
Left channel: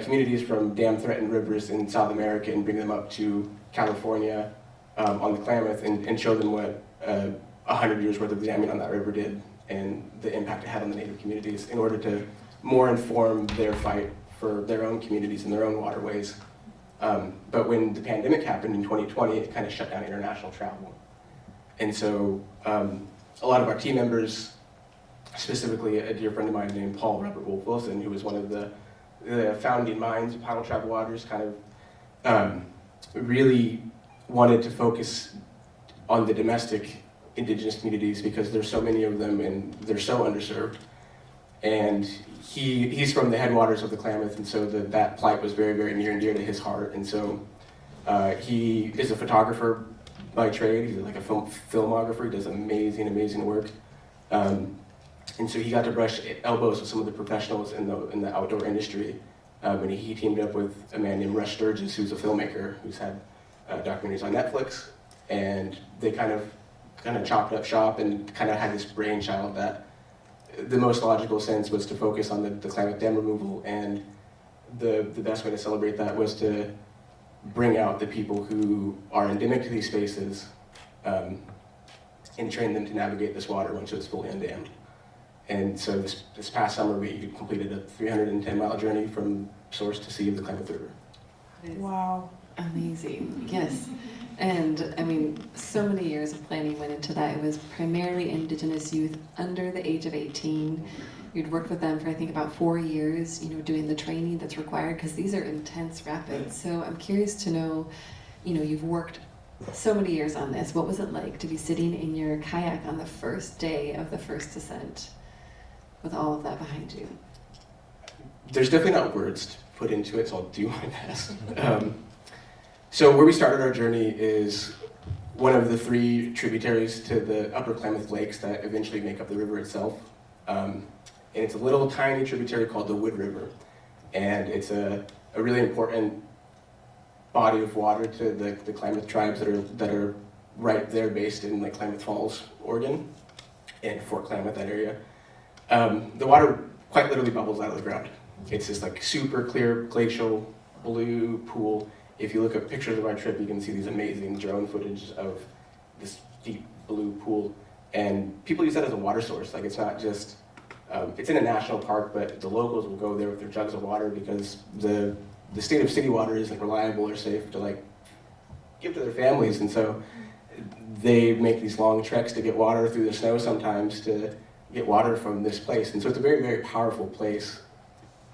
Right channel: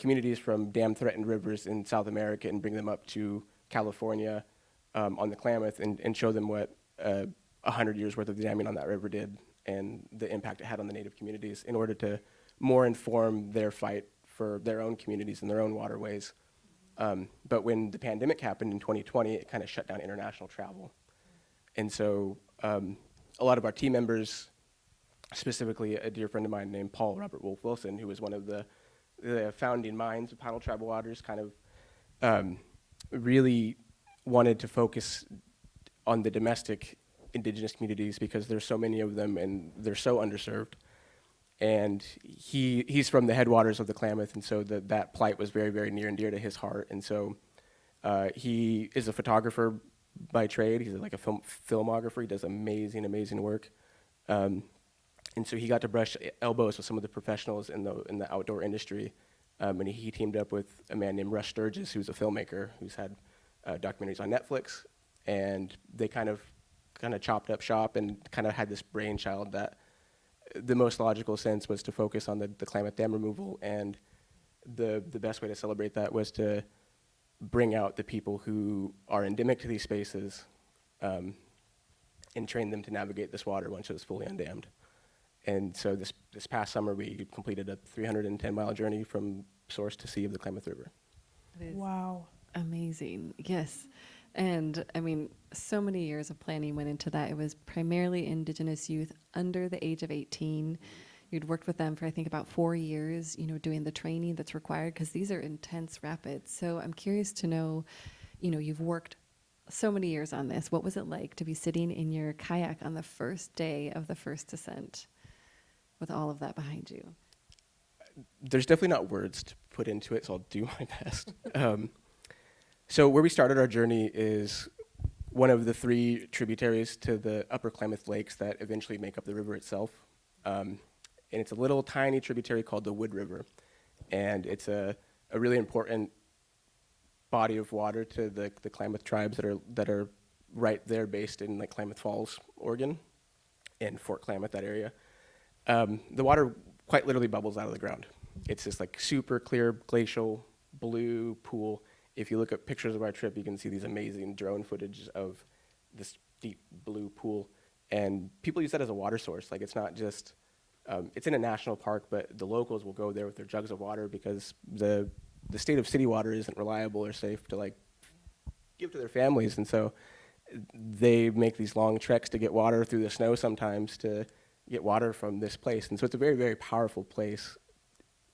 communities from dam-threatened rivers in South America and bring them up to California on the Klamath and show them what 100 years worth of damming on that river did and the impact it had on the native communities, in order to more inform their fight for their own communities and their own waterways. But when the pandemic happened in 2020, it kind of shut down international travel. And so a lot of our team members, specifically a dear friend of mine named Paul Robert Wolf Wilson, who was one of the founding minds of Paddle Tribal Waters, kind of really wanted to focus on the domestic Indigenous communities, because there's so many of them and they're so underserved. And he's from the headwaters of the Klamath, and so that plight was very, very near and dear to his heart. And so he is a photographer by trade. He's like a filmographer. He does amazing, amazing work. And so he got to brush elbows with some of the professionals in the outdoor industry. And he teamed up with a man named Rush Sturgis, who's a filmmaker who's had documentaries on Netflix. And they kind of chopped up shop and kind of had this brainchild that the most logical sense was to focus on the Klamath dam removal, and the best way to celebrate that was to bring out the people who are endemic to these spaces and train them to navigate this water once it's fully undammed. And so this past summer, we completed a 310-mile journey from source to sea of the Klamath River. Wow. Amazing, yes. And I mean, so many years of planning went into that. It was primarily Indigenous youth under the age of 18. You'd worked with them for, I think, about 4 years, doing the training that's required, because these are intense rapids. So I'm curious to know, you've worked so many years on this. What was it like to be sitting in your kayak on the first day of the first descent with all of that behind you? There's definitely not words put into it, so I'll do my best. So where we started our journey is one of the 3 tributaries to the upper Klamath Lakes that eventually make up the river itself. And it's a little tiny tributary called the Wood River. And it's a really important body of water to the Klamath tribes that are right there, based in like Klamath Falls, Oregon, and Fort Klamath, that area. The water quite literally bubbles out of the ground. It's this like super clear glacial blue pool. If you look at pictures of our trip, you can see these amazing drone footage of this deep blue pool. And people use that as a water source. Like, it's not just It's in a national park, but the locals will go there with their jugs of water because the state of city water isn't reliable or safe to like give to their families, and so they make these long treks to get water through the snow sometimes to get water from this place. And so it's a very, very powerful place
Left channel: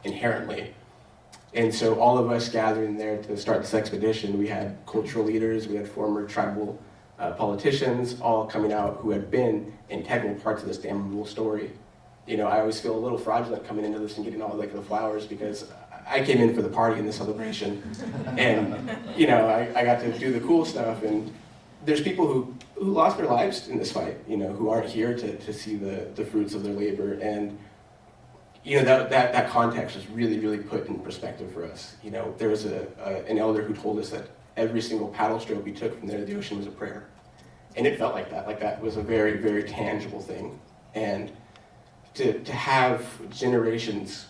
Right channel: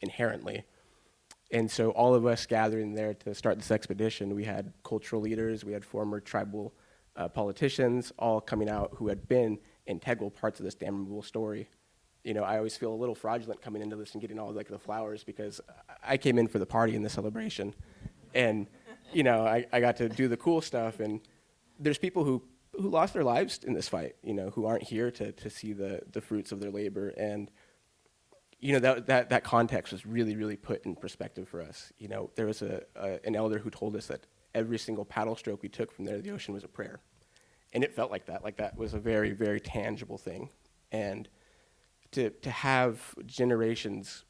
inherently. And so all of us gathering there to start this expedition, we had cultural leaders, we had former tribal politicians, all coming out who had been integral parts of this damn removal story. You know, I always feel a little fraudulent coming into this and getting all like the flowers because I came in for the party and the celebration. And, you know, I got to do the cool stuff. And there's people who lost their lives in this fight, you know, who aren't here to see the fruits of their labor. And, you know, that context was really, really put in perspective for us. You know, there was an elder who told us that every single paddle stroke we took from there to the ocean was a prayer. And it felt like that was a very, very tangible thing. And to have generations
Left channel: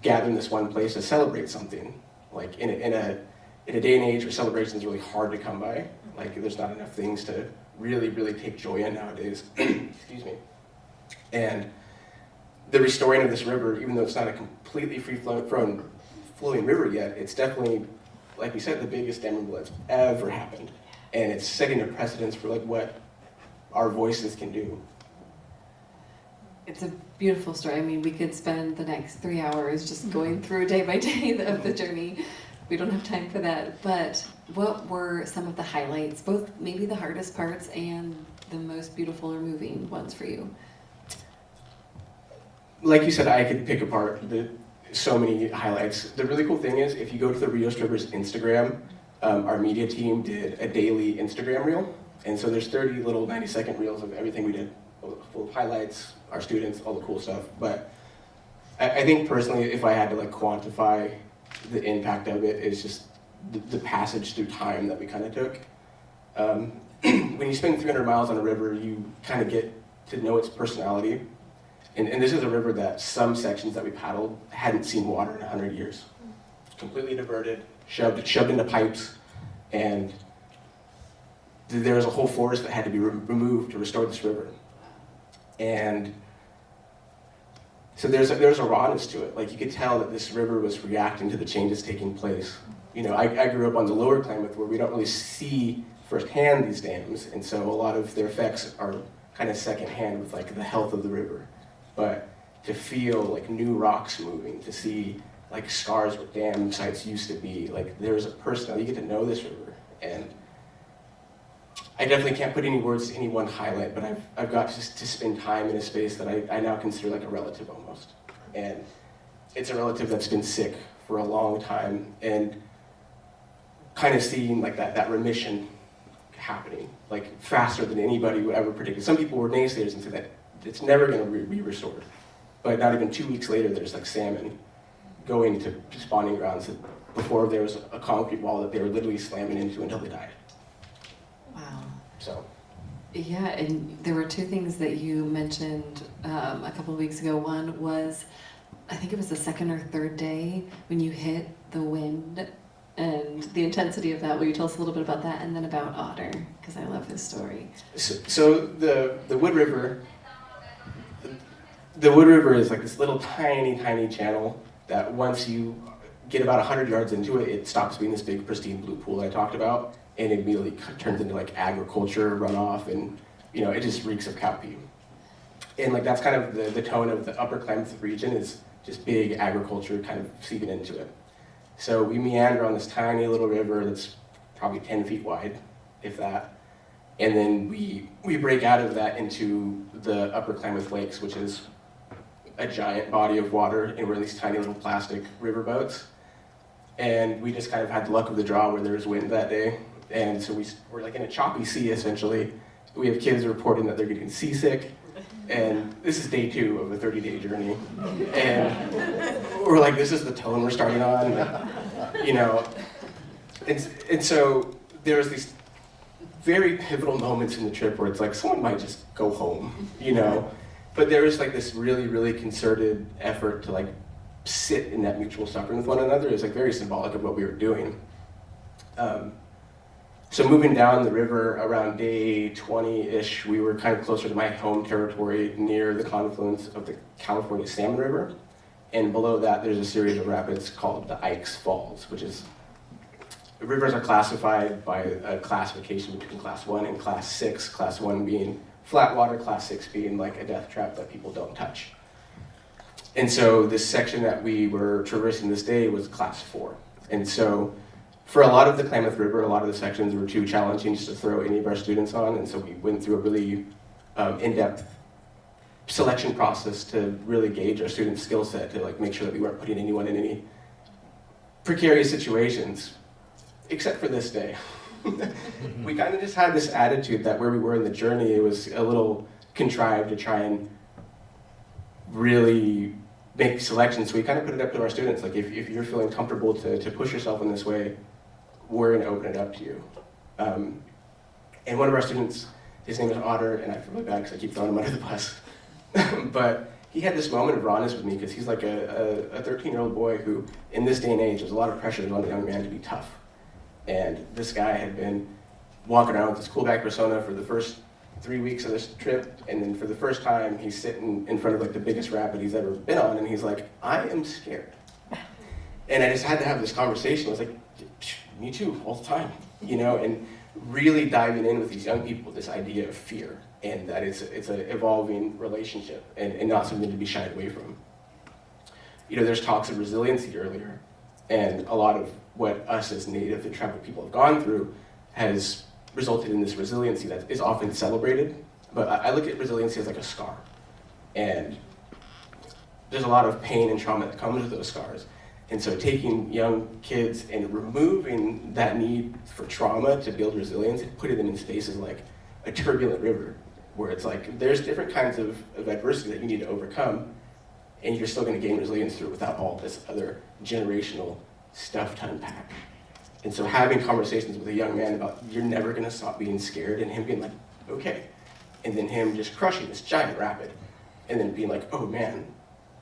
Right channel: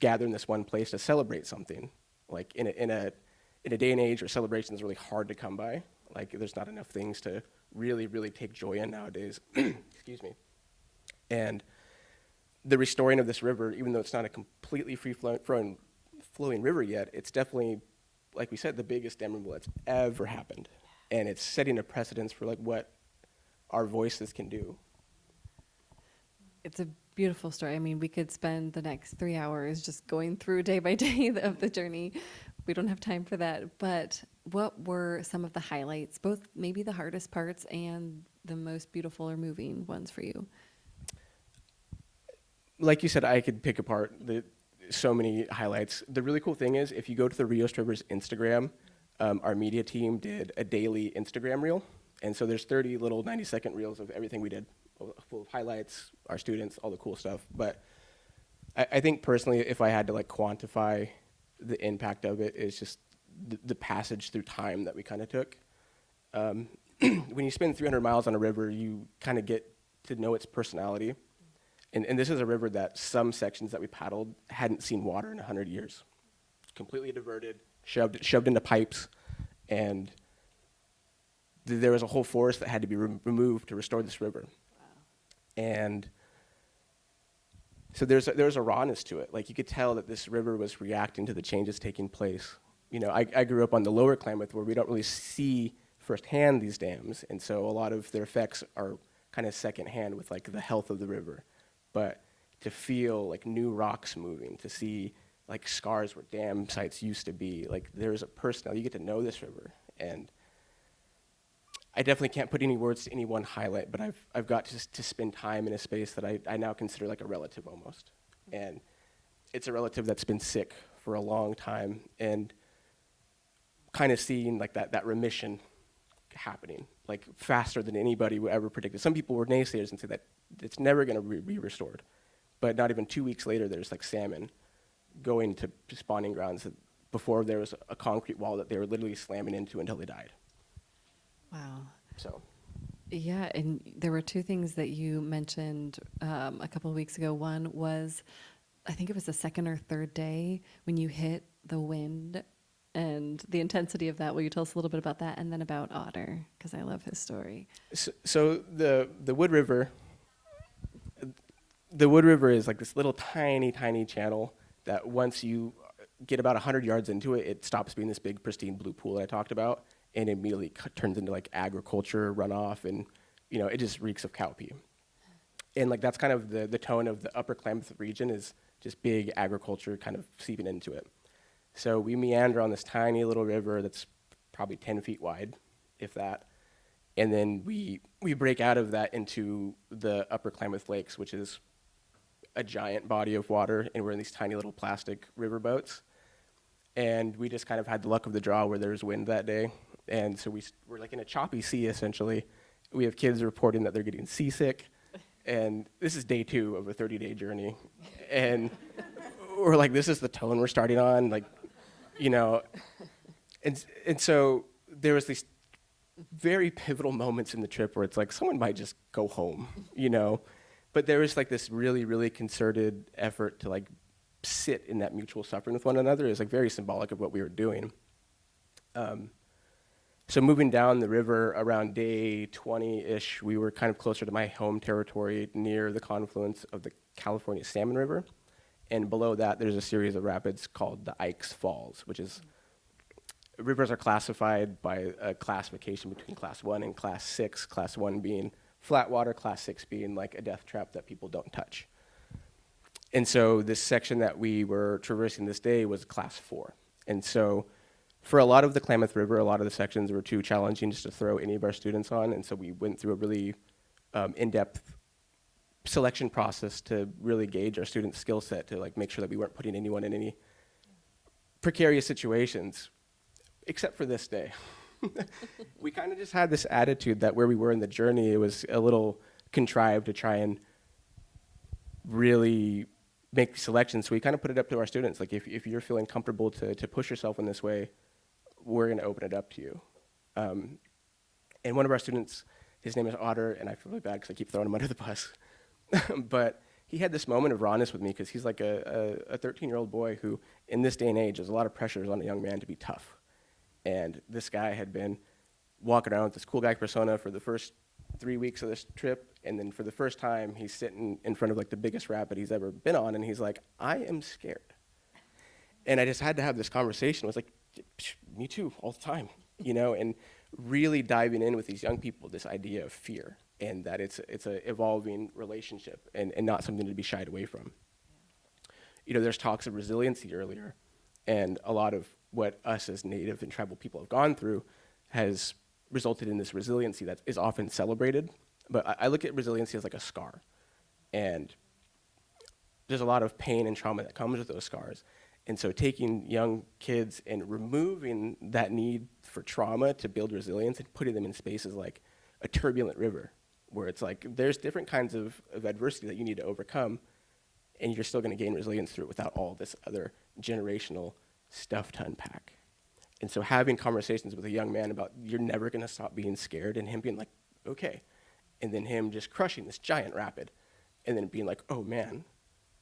gather in this one place to celebrate something, like in a day and age where celebration is really hard to come by, like there's not enough things to really, really take joy in nowadays. Excuse me. And the restoring of this river, even though it's not a completely flowing river yet, it's definitely, like we said, the biggest dam removal that's ever happened. And it's setting a precedence for like what our voices can do. It's a beautiful story. I mean, we could spend the next 3 hours just going through day by day of the journey. We don't have time for that. But what were some of the highlights, both maybe the hardest parts and the most beautiful or moving ones for you? Like you said, I could pick apart so many highlights. The really cool thing is, if you go to the Rios River's Instagram, our media team did a daily Instagram reel. And so there's 30 little 90-second reels of everything we did. Full of highlights, our students, all the cool stuff. But I think personally, if I had to like quantify the impact of it, it's just the passage through time that we kind of took. When you spend 300 miles on a river, you kind of get to know its personality. And this is a river that some sections that we paddled hadn't seen water in 100 years. Completely diverted, shoved into pipes, and there was a whole forest that had to be removed to restore this river. And so there's a rawness to it. Like you could tell that this river was reacting to the changes taking place. You know, I grew up on the lower Klamath where we don't really see firsthand these dams, and so a lot of their effects are kind of secondhand with like the health of the river. But to feel like new rocks moving, to see like scars where dam sites used to be, like there's a person, you get to know this river. And I definitely can't put any words to any one highlight, but I've got to spend time in a space that I now consider like a relative almost. And it's a relative that's been sick for a long time, and kind of seeing like that remission happening, like faster than anybody would ever predict. Some people were naysayers and said that it's never going to be restored. But not even 2 weeks later, there's like salmon going to spawning grounds that before there was a concrete wall that they were literally slamming into until they died. Wow. So. Yeah, and there were two things that you mentioned a couple of weeks ago. One was, I think it was the second or third day when you hit the wind and the intensity of that. Will you tell us a little bit about that, and then about Otter, because I love his story. So the Wood River, is like this little tiny channel that once you get about 100 yards into it, it stops being this big pristine blue pool I talked about. And it immediately turns into like agriculture runoff, and you know, it just reeks of cow pee. And like that's kind of the tone of the upper Klamath region, is just big agriculture kind of seeping into it. So we meander on this tiny little river that's probably 10 feet wide, if that. And then we break out of that into the upper Klamath Lakes, which is a giant body of water, and we're in these tiny little plastic riverboats. And we just kind of had luck of the draw where there was wind that day. And so we're like in a choppy sea, essentially. We have kids reporting that they're getting seasick. And this is day 2 of a 30-day journey. And we're like, this is the tone we're starting on. Like, you know. And so there was these very pivotal moments in the trip where it's like, someone might just go home, you know. But there was like this really, really concerted effort to like sit in that mutual suffering with one another. Is like very symbolic of what we were doing. So moving down the river around day 20-ish, we were kind of closer to my home territory near the confluence of the California Salmon River. And below that, there's a series of rapids called the Ikes Falls, which is, rivers are classified by a classification between class 1 and class 6, class 1 being flat water, class 6 being like a death trap that people don't touch. And so this section that we were traversing this day was class 4. And so for a lot of the Klamath River, a lot of the sections were too challenging to throw any of our students on, and so we went through a really in-depth selection process to really gauge our students' skill set, to like make sure that we weren't putting anyone in any precarious situations, except for this day. We kind of just had this attitude that where we were in the journey, it was a little contrived to try and really make selections. So we kind of put it up to our students, like if you're feeling comfortable to push yourself in this way, we're going to open it up to you. And one of our students, his name is Otter, and I feel really bad because I keep throwing him under the bus. But he had this moment of rawness with me because he's like a 13-year-old boy who, in this day and age, there's a lot of pressure on a young man to be tough. And this guy had been walking around with his cool back persona for the first 3 weeks of this trip, and then for the first time, he's sitting in front of like the biggest rapid he's ever been on, and he's like, I am scared. And I just had to have this conversation. I was like, me too, all the time, you know, and really diving in with these young people, this idea of fear, and that it's an evolving relationship and not something to be shied away from. You know, there's talks of resiliency earlier, and a lot of what us as Native and tribal people have gone through has resulted in this resiliency that is often celebrated, but I look at resiliency as like a scar, and there's a lot of pain and trauma that comes with those scars. And so taking young kids and removing that need for trauma to build resilience and putting them in spaces like a turbulent river, where it's like there's different kinds of adversity that you need to overcome, and you're still going to gain resilience through it without all this other generational stuff to unpack. And so having conversations with a young man about you're never going to stop being scared, and him being like, okay, and then him just crushing this giant rapid, and then being like, oh man,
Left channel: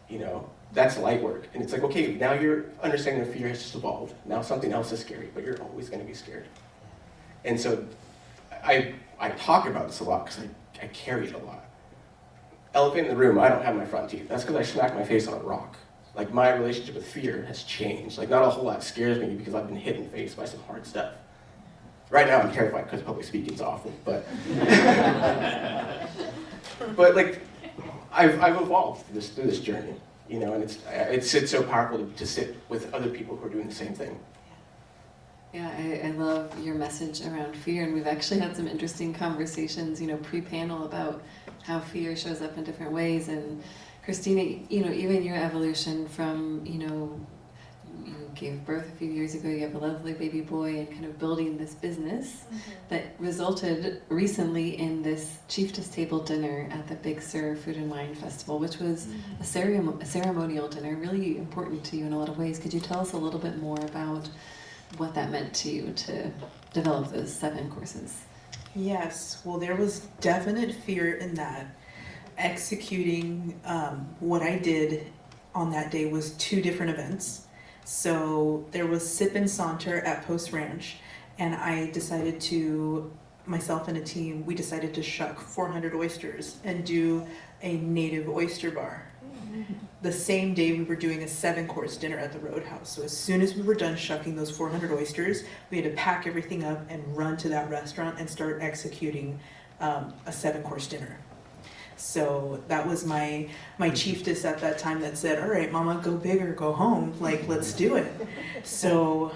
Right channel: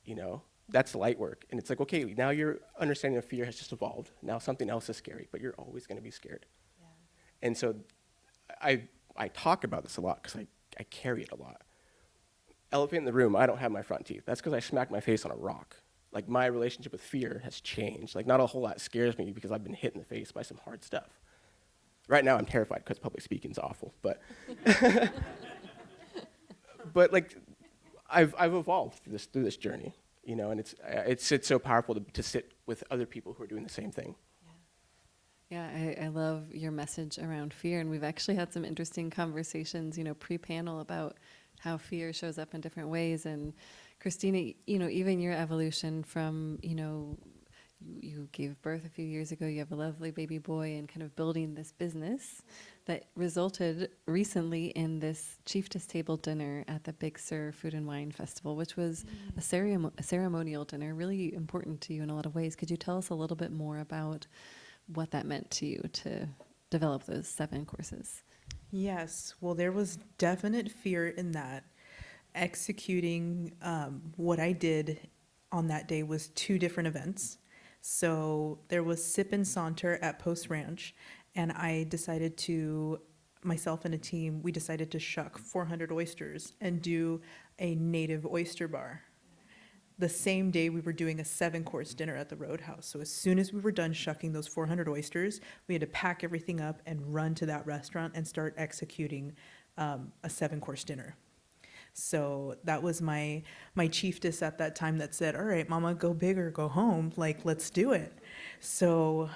you know, that's light work. And it's like, okay, now your understanding of fear has evolved. Now something else is scary, but you're always going to be scared. And so I talk about this a lot because I carry it a lot. Elephant in the room, I don't have my front teeth. That's because I smacked my face on a rock. Like, my relationship with fear has changed. Like, not a whole lot scares me because I've been hit in the face by some hard stuff. Right now I'm terrified because public speaking is awful, but but like, I've evolved through this journey. You know, and it's so powerful to sit with other people who are doing the same thing. Yeah, I love your message around fear, and we've actually had some interesting conversations, you know, pre-panel about how fear shows up in different ways. And Christina, you know, even your evolution from, you know, you gave birth a few years ago, you have a lovely baby boy, and kind of building this business that resulted recently in this Chieftess table dinner at the Big Sur Food and Wine Festival, which was a ceremonial dinner, really important to you in a lot of ways. Could you tell us a little bit more about what that meant to you to develop those 7 courses? Yes, well, there was definite fear in that. Executing what I did on that day was 2 different events. So there was Sip and Saunter at Post Ranch, and I decided to, myself and a team, we decided to shuck 400 oysters and do a native oyster bar. The same day we were doing a 7-course dinner at the Roadhouse. So as soon as we were done shucking those 400 oysters, we had to pack everything up and run to that restaurant and start executing a 7-course dinner. So that was my chieftess at that time that said, all right, mama, go big or go home, like, let's do it. So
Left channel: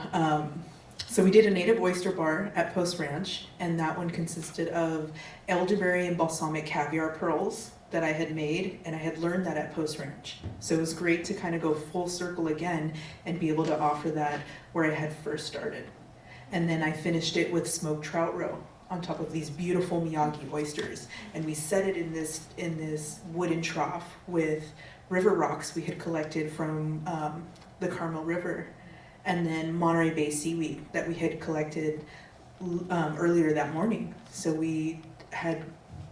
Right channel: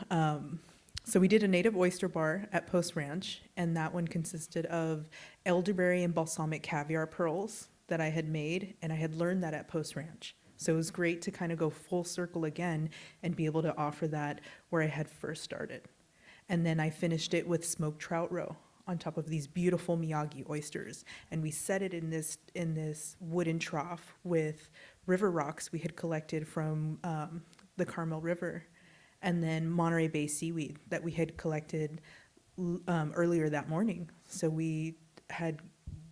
we did a native oyster bar at Post Ranch, and that one consisted of elderberry and balsamic caviar pearls that I had made, and I had learned that at Post Ranch. So it was great to kind of go full circle again and be able to offer that where I had first started. And then I finished it with smoked trout roe on top of these beautiful Miyagi oysters, and we set it in this wooden trough with river rocks we had collected from the Carmel River, and then Monterey Bay seaweed that we had collected earlier that morning. So we had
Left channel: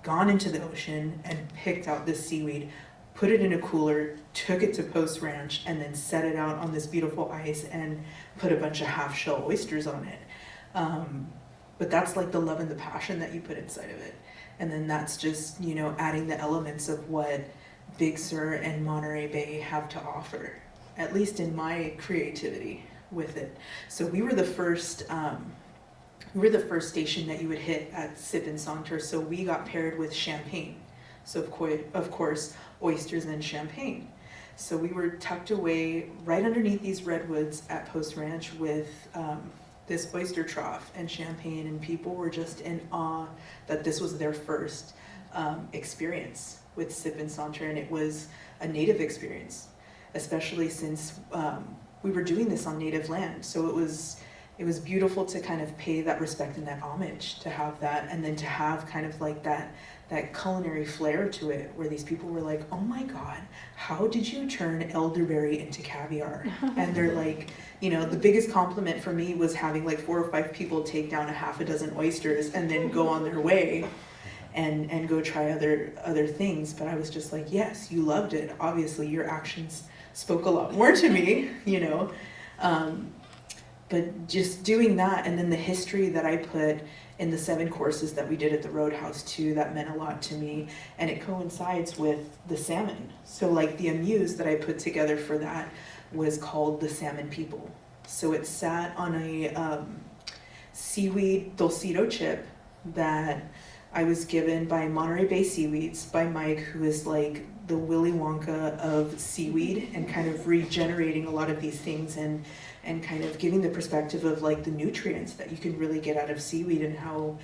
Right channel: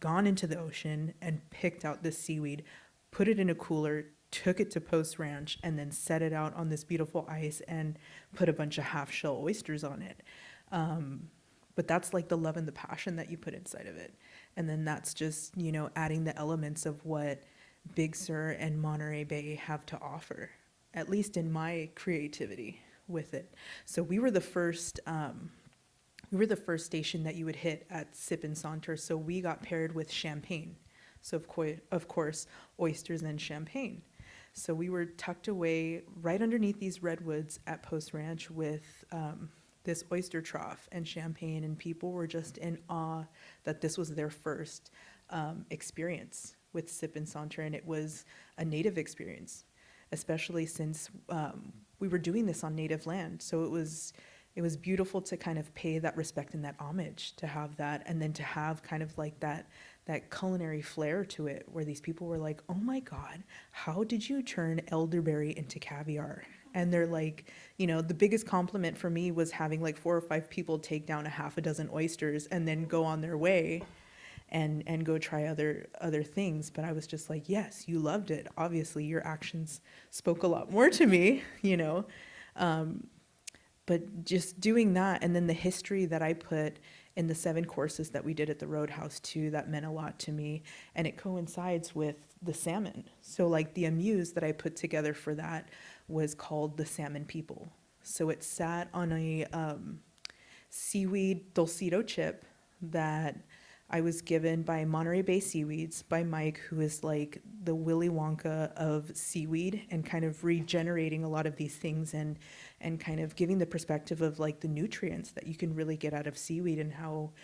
gone into the ocean and picked out this seaweed, put it in a cooler, took it to Post Ranch, and then set it out on this beautiful ice and put a bunch of half-shell oysters on it. but that's like the love and the passion that you put inside of it. And then that's just, you know, adding the elements of what Big Sur and Monterey Bay have to offer, at least in my creativity with it. So we were the first station that you would hit at Sip and Saunter, so we got paired with champagne. So of course, oysters and champagne. So we were tucked away right underneath these redwoods at Post Ranch with this oyster trough and champagne, and people were just in awe that this was their first experience with Sip and Saunter, and it was a native experience, especially since we were doing this on native land. So it was beautiful to kind of pay that respect and that homage, to have that, and then to have kind of like that culinary flair to it, where these people were like, oh my God, how did you turn elderberry into caviar? And they're like, you know, the biggest compliment for me was having like 4 or 5 people take down a half a dozen oysters and then go on their way and go try other things. But I was just like, yes, you loved it. Obviously, your actions spoke a lot more to me, you know. But just doing that, and then the history that I put in the 7 courses that we did at the Roadhouse too, that meant a lot to me, and it coincides with the salmon. So like the amuse that I put together for that was called the Salmon People. So it sat on a seaweed dulcito chip that I was given by Monterey Bay Seaweeds, by Mike, who is like the Willy Wonka of seaweed, and kind of regenerating a lot of these things, and kind of giving the perspective of like the nutrients that you can really get out of seaweed, and how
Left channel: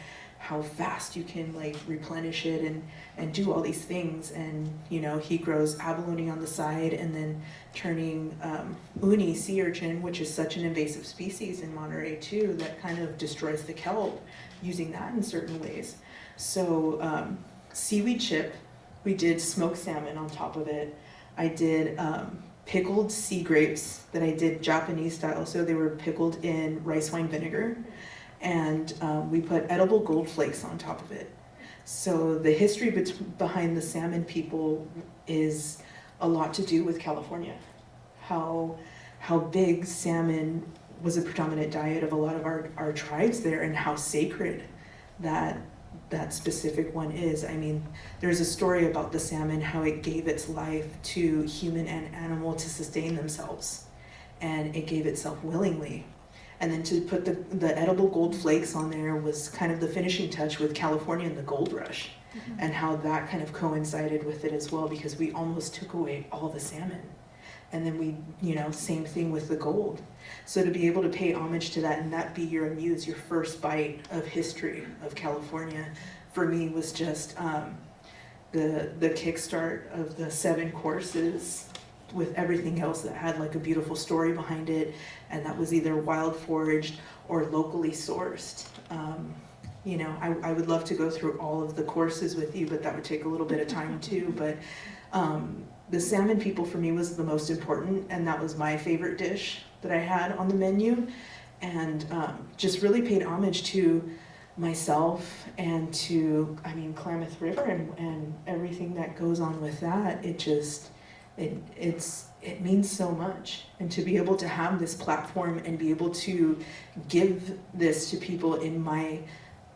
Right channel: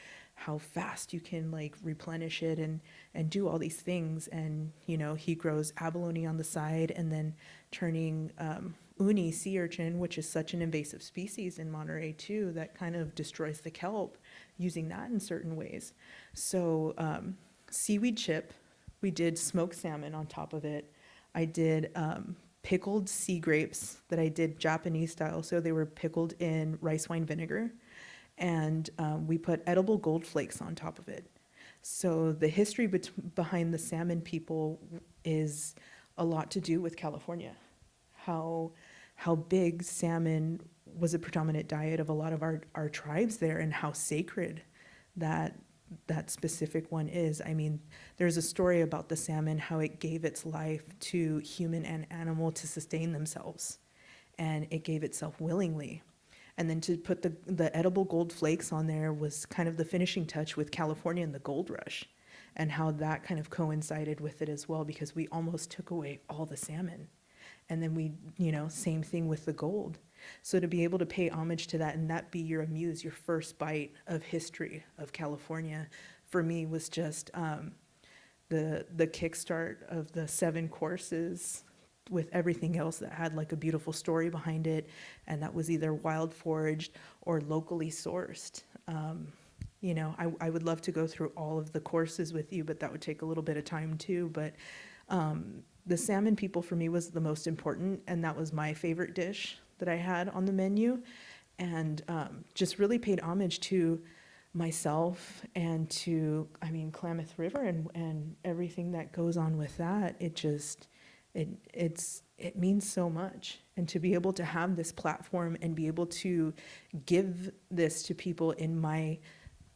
fast you can like replenish it and do all these things. And you know, he grows abalone on the side, and then turning uni sea urchin, which is such an invasive species in Monterey too, that kind of destroys the kelp, using that in certain ways. So seaweed chip, we did smoked salmon on top of it. I did pickled sea grapes that I did Japanese style, so they were pickled in rice wine vinegar, and we put edible gold flakes on top of it. So the history behind the Salmon People is a lot to do with California. How big salmon was a predominant diet of a lot of our tribes there, and how sacred that specific one is. I mean, there's a story about the salmon, how it gave its life to human and animal to sustain themselves, and it gave itself willingly. And then to put the edible gold flakes on there was kind of the finishing touch with California and the gold rush, and how that kind of coincided with it as well, because we almost took away all the salmon. And then we, you know, same thing with the gold. So to be able to pay homage to that, and that be your amuse, your first bite of history of California, for me was just the kickstart of the 7 courses, with everything else that had like a beautiful story behind it, and that was either wild foraged or locally sourced. You know, I would love to go through all of the courses with you, but that would take a little bit of time too. But the Salmon People for me was the most important, and that was my favorite dish that I had on the menu, and just really paid homage to myself and to, I mean, Klamath River and everything that goes on with that. It means so much, and to be able to have this platform and be able to give this to people in my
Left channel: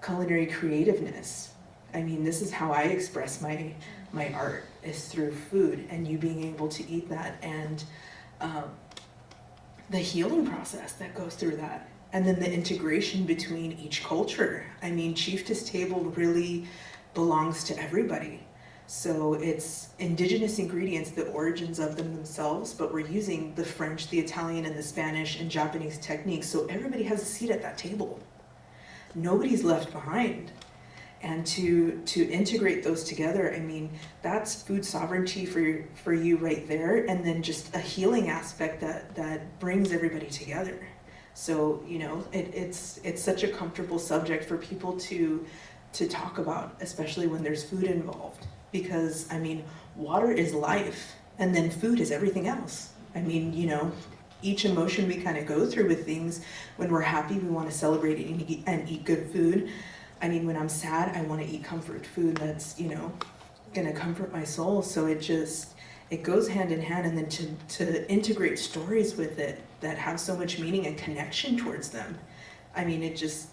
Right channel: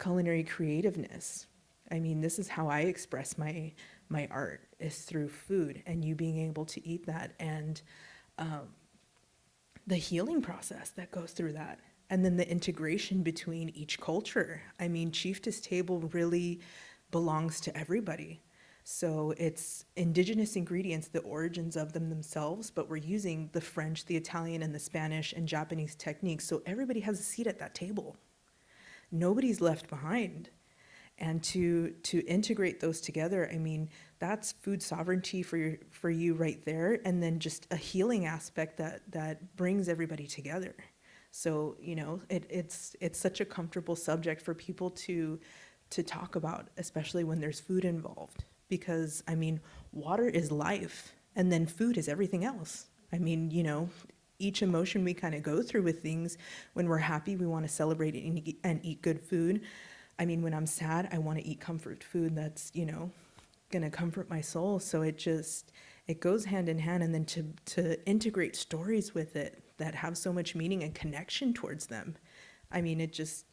culinary creativeness. I mean, this is how I express my art, is through food, and you being able to eat that, and the healing process that goes through that, and then the integration between each culture. I mean, Chieftess table really belongs to everybody. So it's indigenous ingredients, the origins of them themselves, but we're using the French, the Italian, and the Spanish and Japanese techniques, so everybody has a seat at that table. Nobody's left behind. And to integrate those together, I mean, that's food sovereignty for you right there, and then just a healing aspect that brings everybody together. So, you know, it's such a comfortable subject for people to talk about, especially when there's food involved. Because, I mean, water is life, and then food is everything else. I mean, you know, each emotion we kind of go through with things, when we're happy, we want to celebrate and eat good food. I mean, when I'm sad, I want to eat comfort food that's, you know, going to comfort my soul. So it goes hand in hand, and then to integrate stories with it that have so much meaning and connection towards them. I mean, it just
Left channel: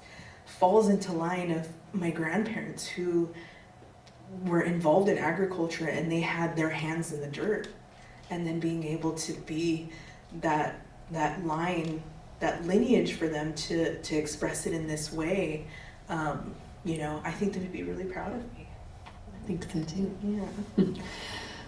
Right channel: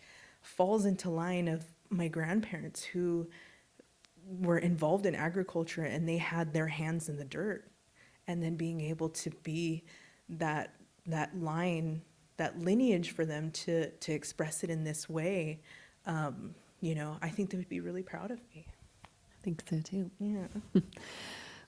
falls into line of my grandparents who were involved in agriculture and they had their hands in the dirt, and then being able to be that line, that lineage for them to express it in this way, you know, I think they would be really proud of me. I think so too. Yeah.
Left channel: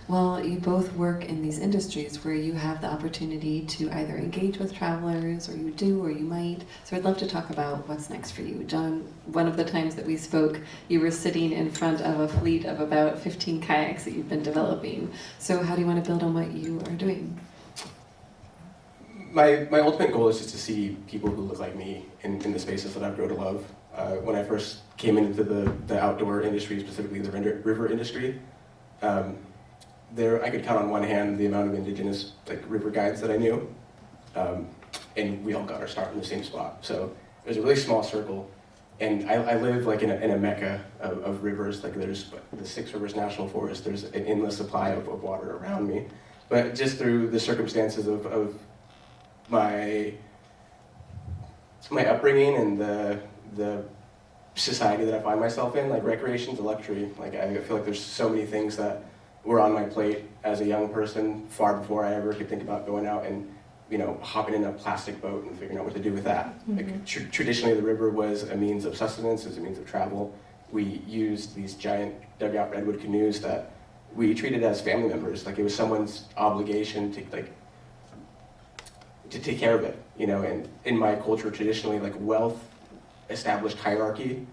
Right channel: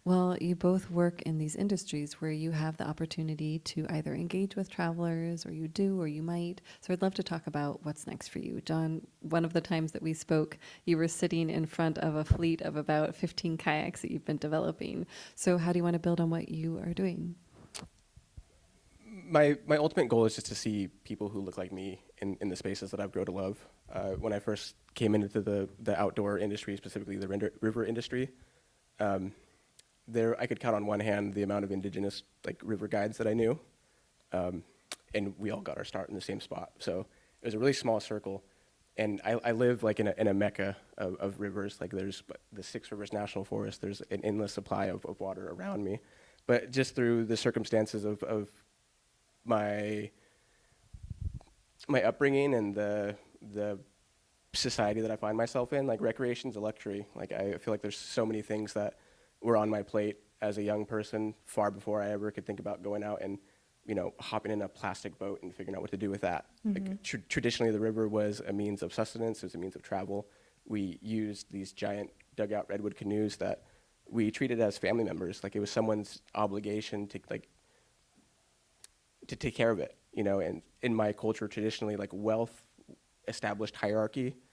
Well, you both work in these industries where you have the opportunity to either engage with travelers, or you do, or you might. So I'd love to talk about what's next for you. John, one of the times that we spoke, you were sitting in front of a fleet of about 15 kayaks that you've been developing. So how do you want to build on what you are doing? My ultimate goal is just to see people who look like me in the spaces that I've grown to love. When I first came into the outdoor industry, specifically the river industry, I could count on one hand the amount of Indigenous river guides that I knew, and we all got our start in the same spot. So there's a really small circle, and I live in a mecca of rivers. There's the Six Rivers National Forest. There's an endless supply of water around me, but just through the circumstances of my upbringing and the society that I find myself in, recreation's a luxury. I feel like there's so many things that were on my plate as a young person far before I ever could think about going out and, hopping in a plastic boat and figuring out what to do with that. Mm-hmm. Traditionally, the river was a means of sustenance, was a means of travel. We used these giant dugout redwood canoes that we treated as family members. It was someone's obligation to take care of it, and in my culture, traditionally, wealth established hierarchy,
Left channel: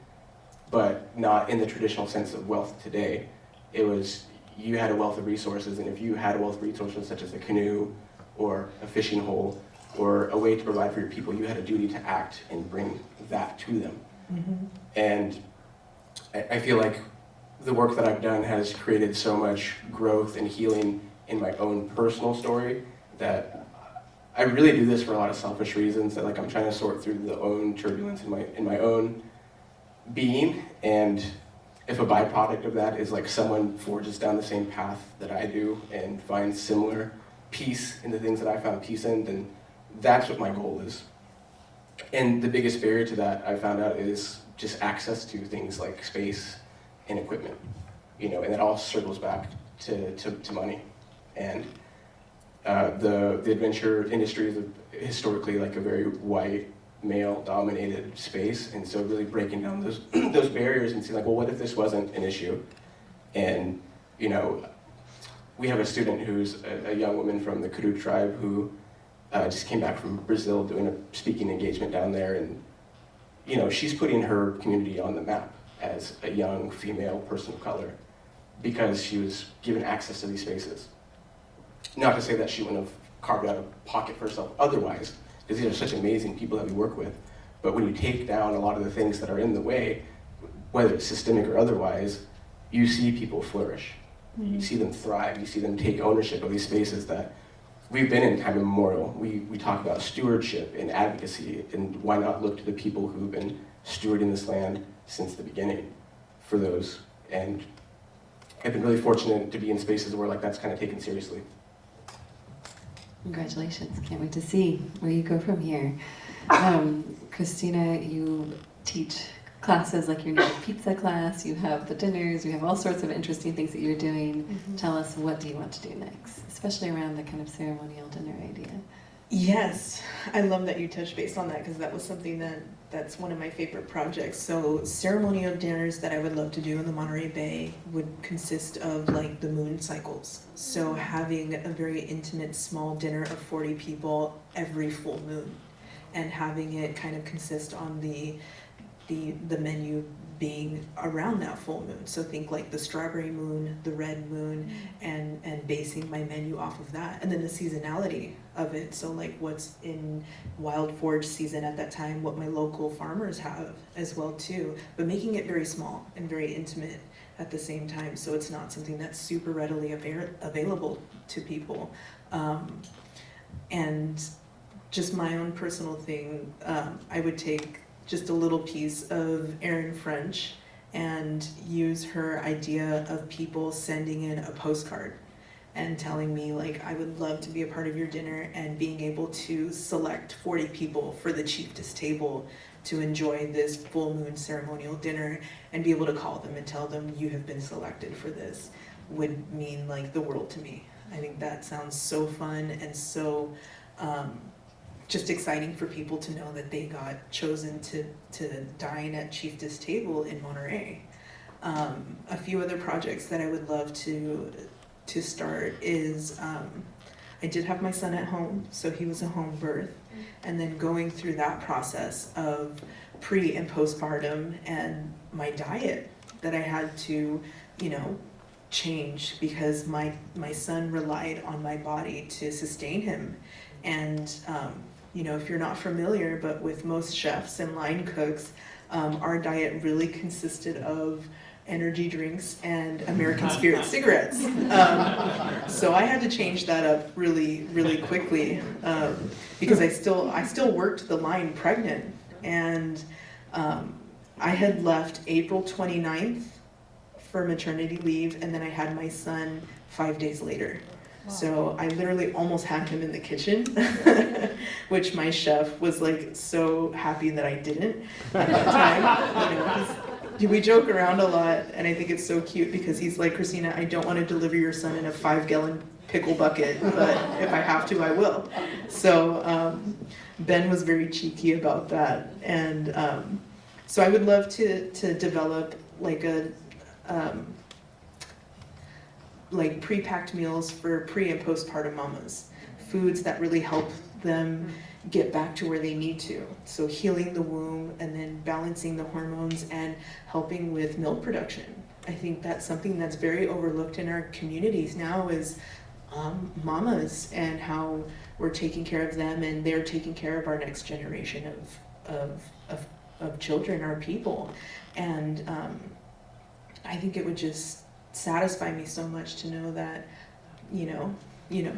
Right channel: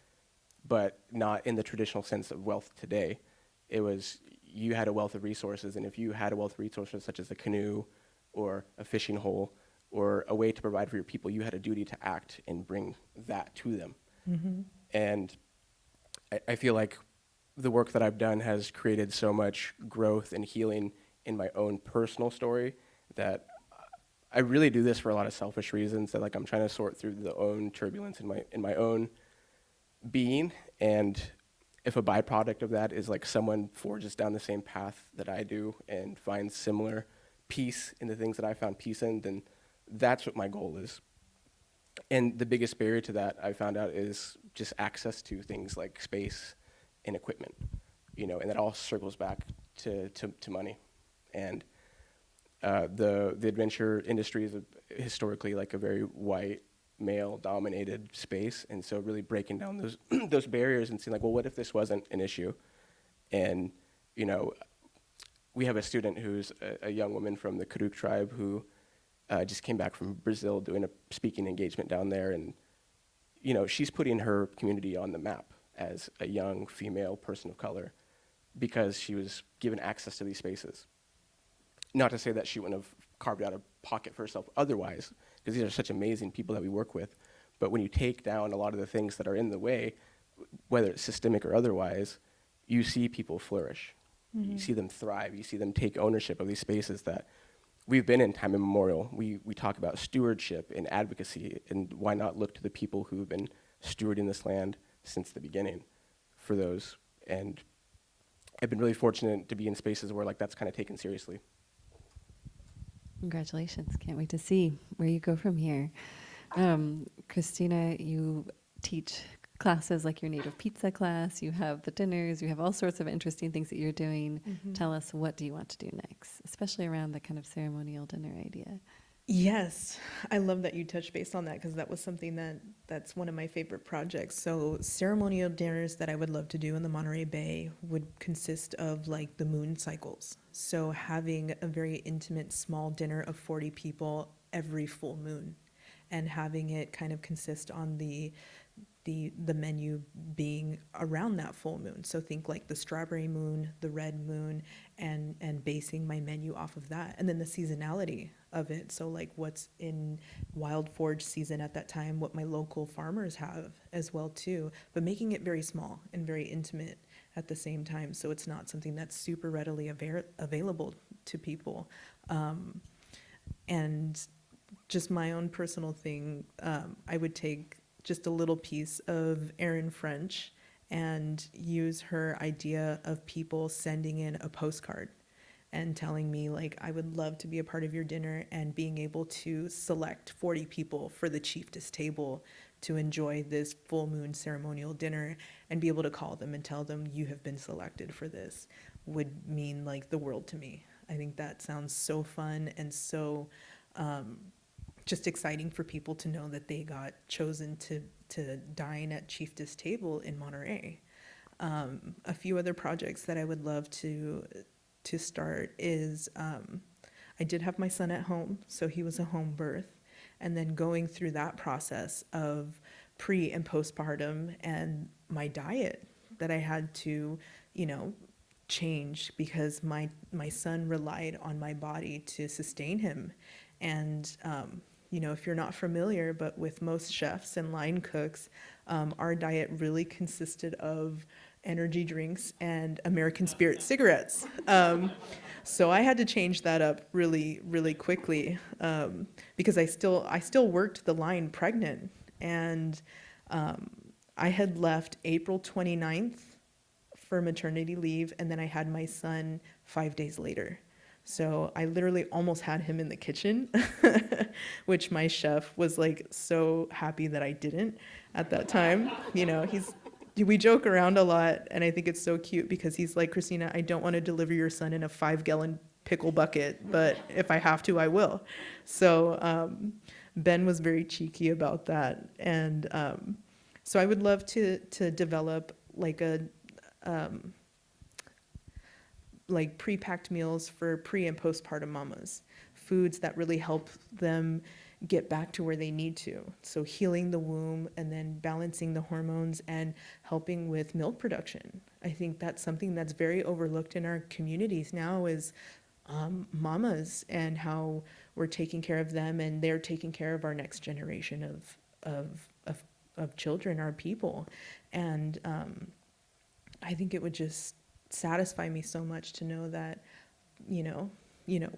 but not in the traditional sense of wealth today. It was, you had a wealth of resources, and if you had a wealth of resources such as a canoe or a fishing hole or a way to provide for your people, you had a duty to act and bring that to them. Mm-hmm. And I feel like the work that I've done has created so much growth and healing in my own personal story that I really do this for a lot of selfish reasons, that I'm trying to sort through the own turbulence in my own being, and if a byproduct of that is someone forges down the same path that I do and finds similar peace in the things that I found peace in, then that's what my goal is. And the biggest barrier to that, I found out, is just access to things like space and equipment, and it all circles back to money. And the adventure industry is historically a very white, male-dominated space, and so really breaking down those barriers and seeing well, what if this wasn't an issue? And we have a student who's a young woman from the Kudu tribe who just came back from Brazil doing a speaking engagement down there, and she's putting her community on the map as a young female person of color because she was given access to these spaces. Not to say that she wouldn't have carved out a pocket for herself otherwise, because these are such amazing people that we work with. But when you take down a lot of the things that are in the way, whether it's systemic or otherwise, you see people flourish. Mm-hmm. You see them thrive. You see them take ownership of these spaces that we've been in time immemorial. We talk about stewardship and advocacy, and why not look to the people who've been stewarding this land since the beginning for those. And I've been really fortunate to be in spaces where that's kind of taken seriously. Congratulations. Can't wait to see where you go from here. Christina, you teach classes like your native pizza class, you have the dinners, you have all sorts of interesting things that you're doing. Mm-hmm. Tell us, what do you want to do next, especially around the kind of ceremonial dinner idea? Yes, I love that you touched base on that, because that was something that's one of my favorite projects. So ceremonial dinners that I would love to do in the Monterey Bay would consist of the moon cycles. So having a very intimate small dinner of 40 people every full moon, and having it kind of consist on the menu being around that full moon. So think the strawberry moon, the red moon, and basing my menu off of that. And then the seasonality of it. So what's in wild forage season at that time, what my local farmers have as well too. But making it very small and very intimate at the same time. So it's not something that's super readily available to people. And just my own personal thing, I would take just a little piece of Erin French and use her idea of people sending in a postcard and telling me I would love to be a part of your dinner, and being able to select 40 people for the Chieftess table to enjoy this full moon ceremonial dinner and be able to call them and tell them you have been selected for this would mean like the world to me. I think that sounds so fun and so just exciting for people to know that they got chosen to dine at Chieftess table in Monterey. A few other projects that I would love to start is I did have my son at home, so he was a home birth, and then going through that process of pre and postpartum and my diet that I had to, change because my son relied on my body to sustain him. And if you're not familiar, but with most chefs and line cooks, our diet really consisted of energy drinks and American Spirit cigarettes. So I had to change that up really, really quickly because I still worked the line pregnant, and I had left April 29th for maternity leave, and then I had my son 5 days later. So I literally almost had him in the kitchen, which my chef was like so happy that I didn't at that time. We joke around a lot, and I think it's so cute because he's like, Christina, I don't want to deliver your son in a 5-gallon pickle bucket, but if I have to, I will. So Ben was very cheeky about that, and so I would love to develop like like pre-packed meals for pre and postpartum mamas, foods that really help them get back to where they need to. So healing the womb and then balancing the hormones and helping with milk production. I think that's something that's very overlooked in our communities now is mamas and how we're taking care of them, and they're taking care of our next generation of children, our people. And I think it would just satisfy me so much to know that,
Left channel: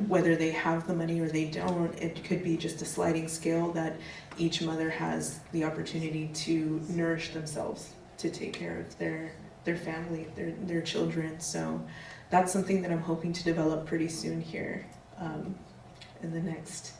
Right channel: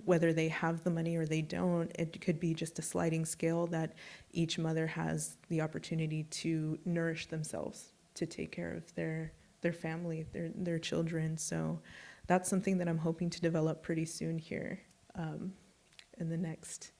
whether they have the money or they don't, it could be just a sliding scale that each mother has the opportunity to nourish themselves, to take care of their family, their children. So that's something that I'm hoping to develop pretty soon here in the next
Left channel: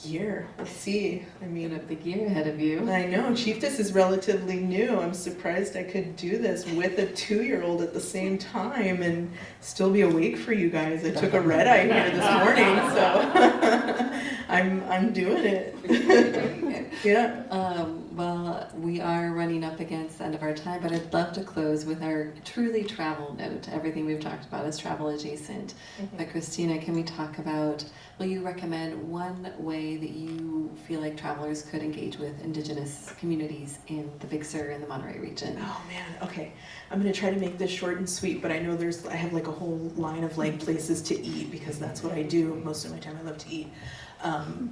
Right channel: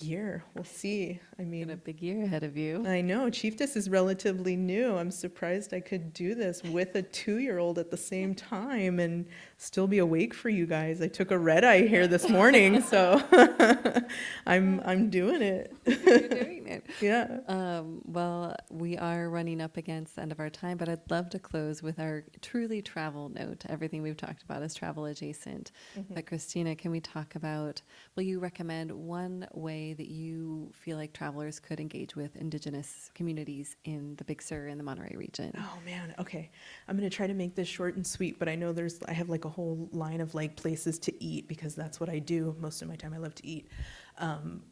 year. We'll see. I mean, Got a big year ahead of you. I know, Chieftess is relatively new. I'm surprised I could do this with a 2-year-old at the same time and still be awake for you guys. I took a red eye here this morning, so I'm doing it. Yeah. Well, we are running up against the end of our time, but I'd love to close with our truly travel note. Everything we've talked about is travel adjacent. But Christina, can we talk about, will you recommend one way that you feel like travelers could engage with Indigenous communities in the Big Sur and the Monterey region? Oh man, okay. I'm gonna try to make this short and sweet, but I know I have like a whole line of like places to eat because that's what I do most of my time. I love to eat.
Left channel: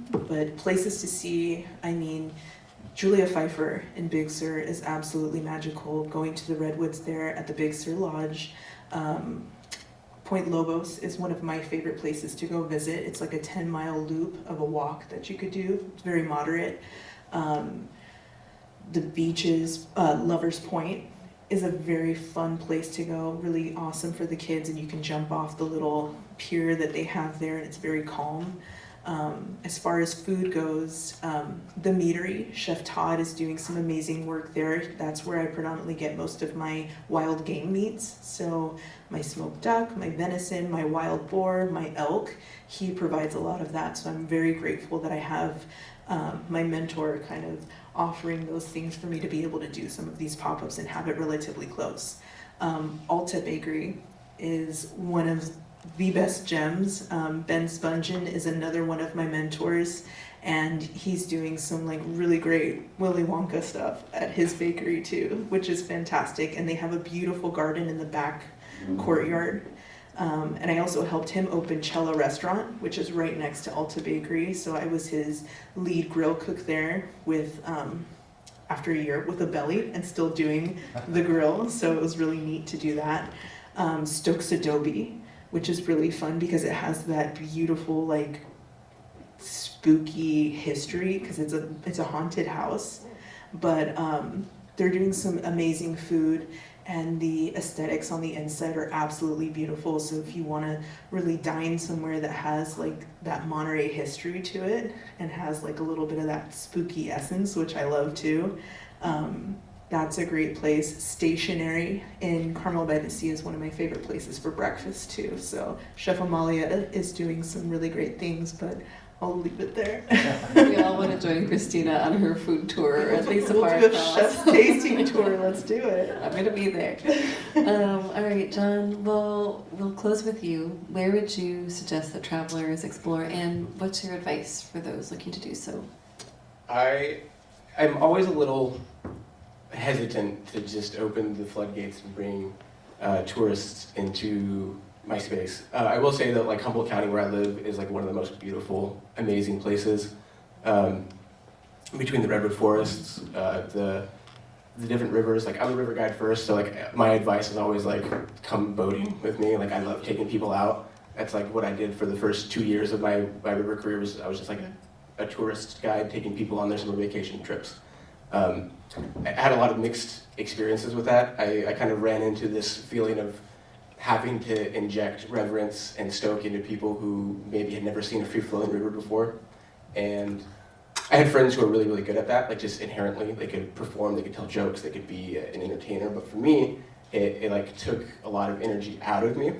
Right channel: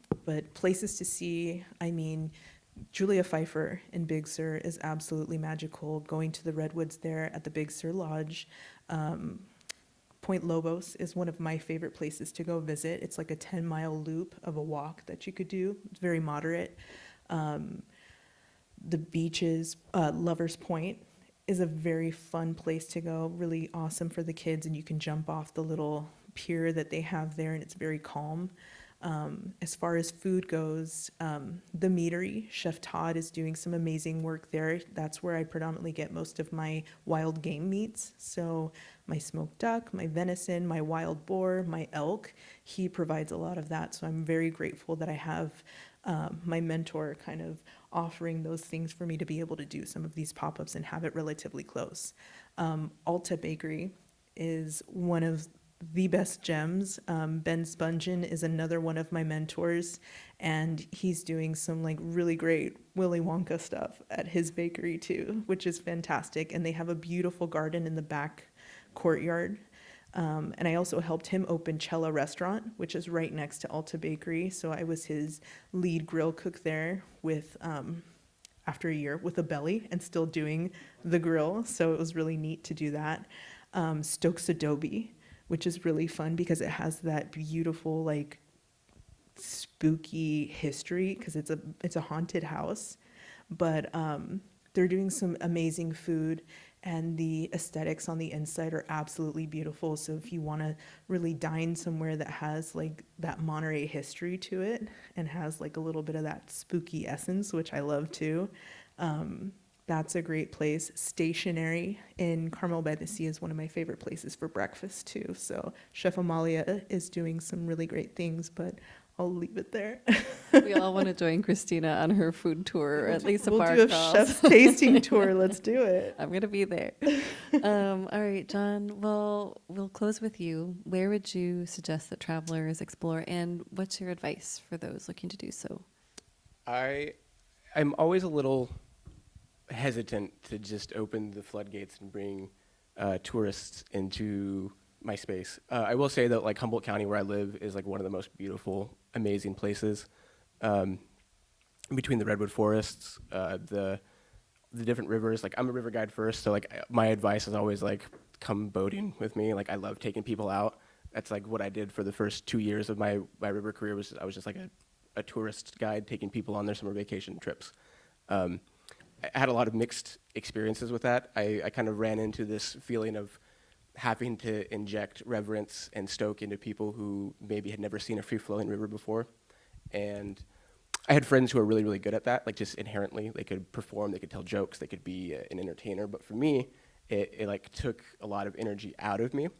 But places to see, I mean, Julia Pfeiffer in Big Sur is absolutely magical. Going to the redwoods there at the Big Sur Lodge. Point Lobos is one of my favorite places to go visit. It's like a 10-mile loop of a walk that you could do. It's very moderate. The beaches, Lover's Point is a very fun place to go, really awesome for the kids, and you can jump off the little pier that they have there, and it's very calm. As far as food goes, the meadery, Chef Todd is doing some amazing work there. That's where I predominantly get most of my wild game meats. So my smoked duck, my venison, my wild boar, my elk, he provides a lot of that. So I'm very grateful that I have my mentor kind of offering those things for me to be able to do some of these pop-ups and have it relatively close. Alta Bakery is one of the best gems. Ben Spungen is another one of my mentors, and he's doing some like really great Willy Wonka stuff at his bakery too, which is fantastic. And they have a beautiful garden in the back courtyard. And I also helped him open Cello Restaurant, which is right next to Alta Bakery. So I was his lead grill cook there with after a year with a belly and still doing the grill. So it was really neat to do that. Stokes Adobe, which is really fun because it has that beautiful like spooky history because it's a haunted house. But They're doing some amazing food, and the aesthetics on the inside are absolutely beautiful. So if you want to really dine somewhere that has like that Monterey history to it and has like a little bit of that spooky essence, which I love too, that's a great place. Stationary in Carmel by the Sea is one of my favorite places for breakfast too. So Chef Amalia is doing some really great things, but I'll leave it there. We all want to join Christina on her food tour. At least We'll do a chef's tasting tour. Let's do it. I'm going to be there. All right, John, we'll close with you. Where would you suggest that travelers explore, and what's your advice for those looking to do so? I'm always a little hesitant to just open the floodgates and bring tourists into my space. I will say that like Humboldt County, where I live, is like one of the most beautiful, amazing places. Between the redwood forests, the different rivers. Like I'm a river guide first, so like my advice is always like come boating with me. Like I love taking people out. That's like what I did for the first 2 years of my river career. I was just like a tourist guide taking people on their summer vacation trips. I had a lot of mixed experiences with that. I kind of ran into this feeling of having to inject reverence and stoke into people who maybe had never seen a free-flowing river before. And I had friends who were really, really good at that, like just inherently. They could perform, they could tell jokes, they could be an entertainer. But for me, it like took a lot of energy out of me.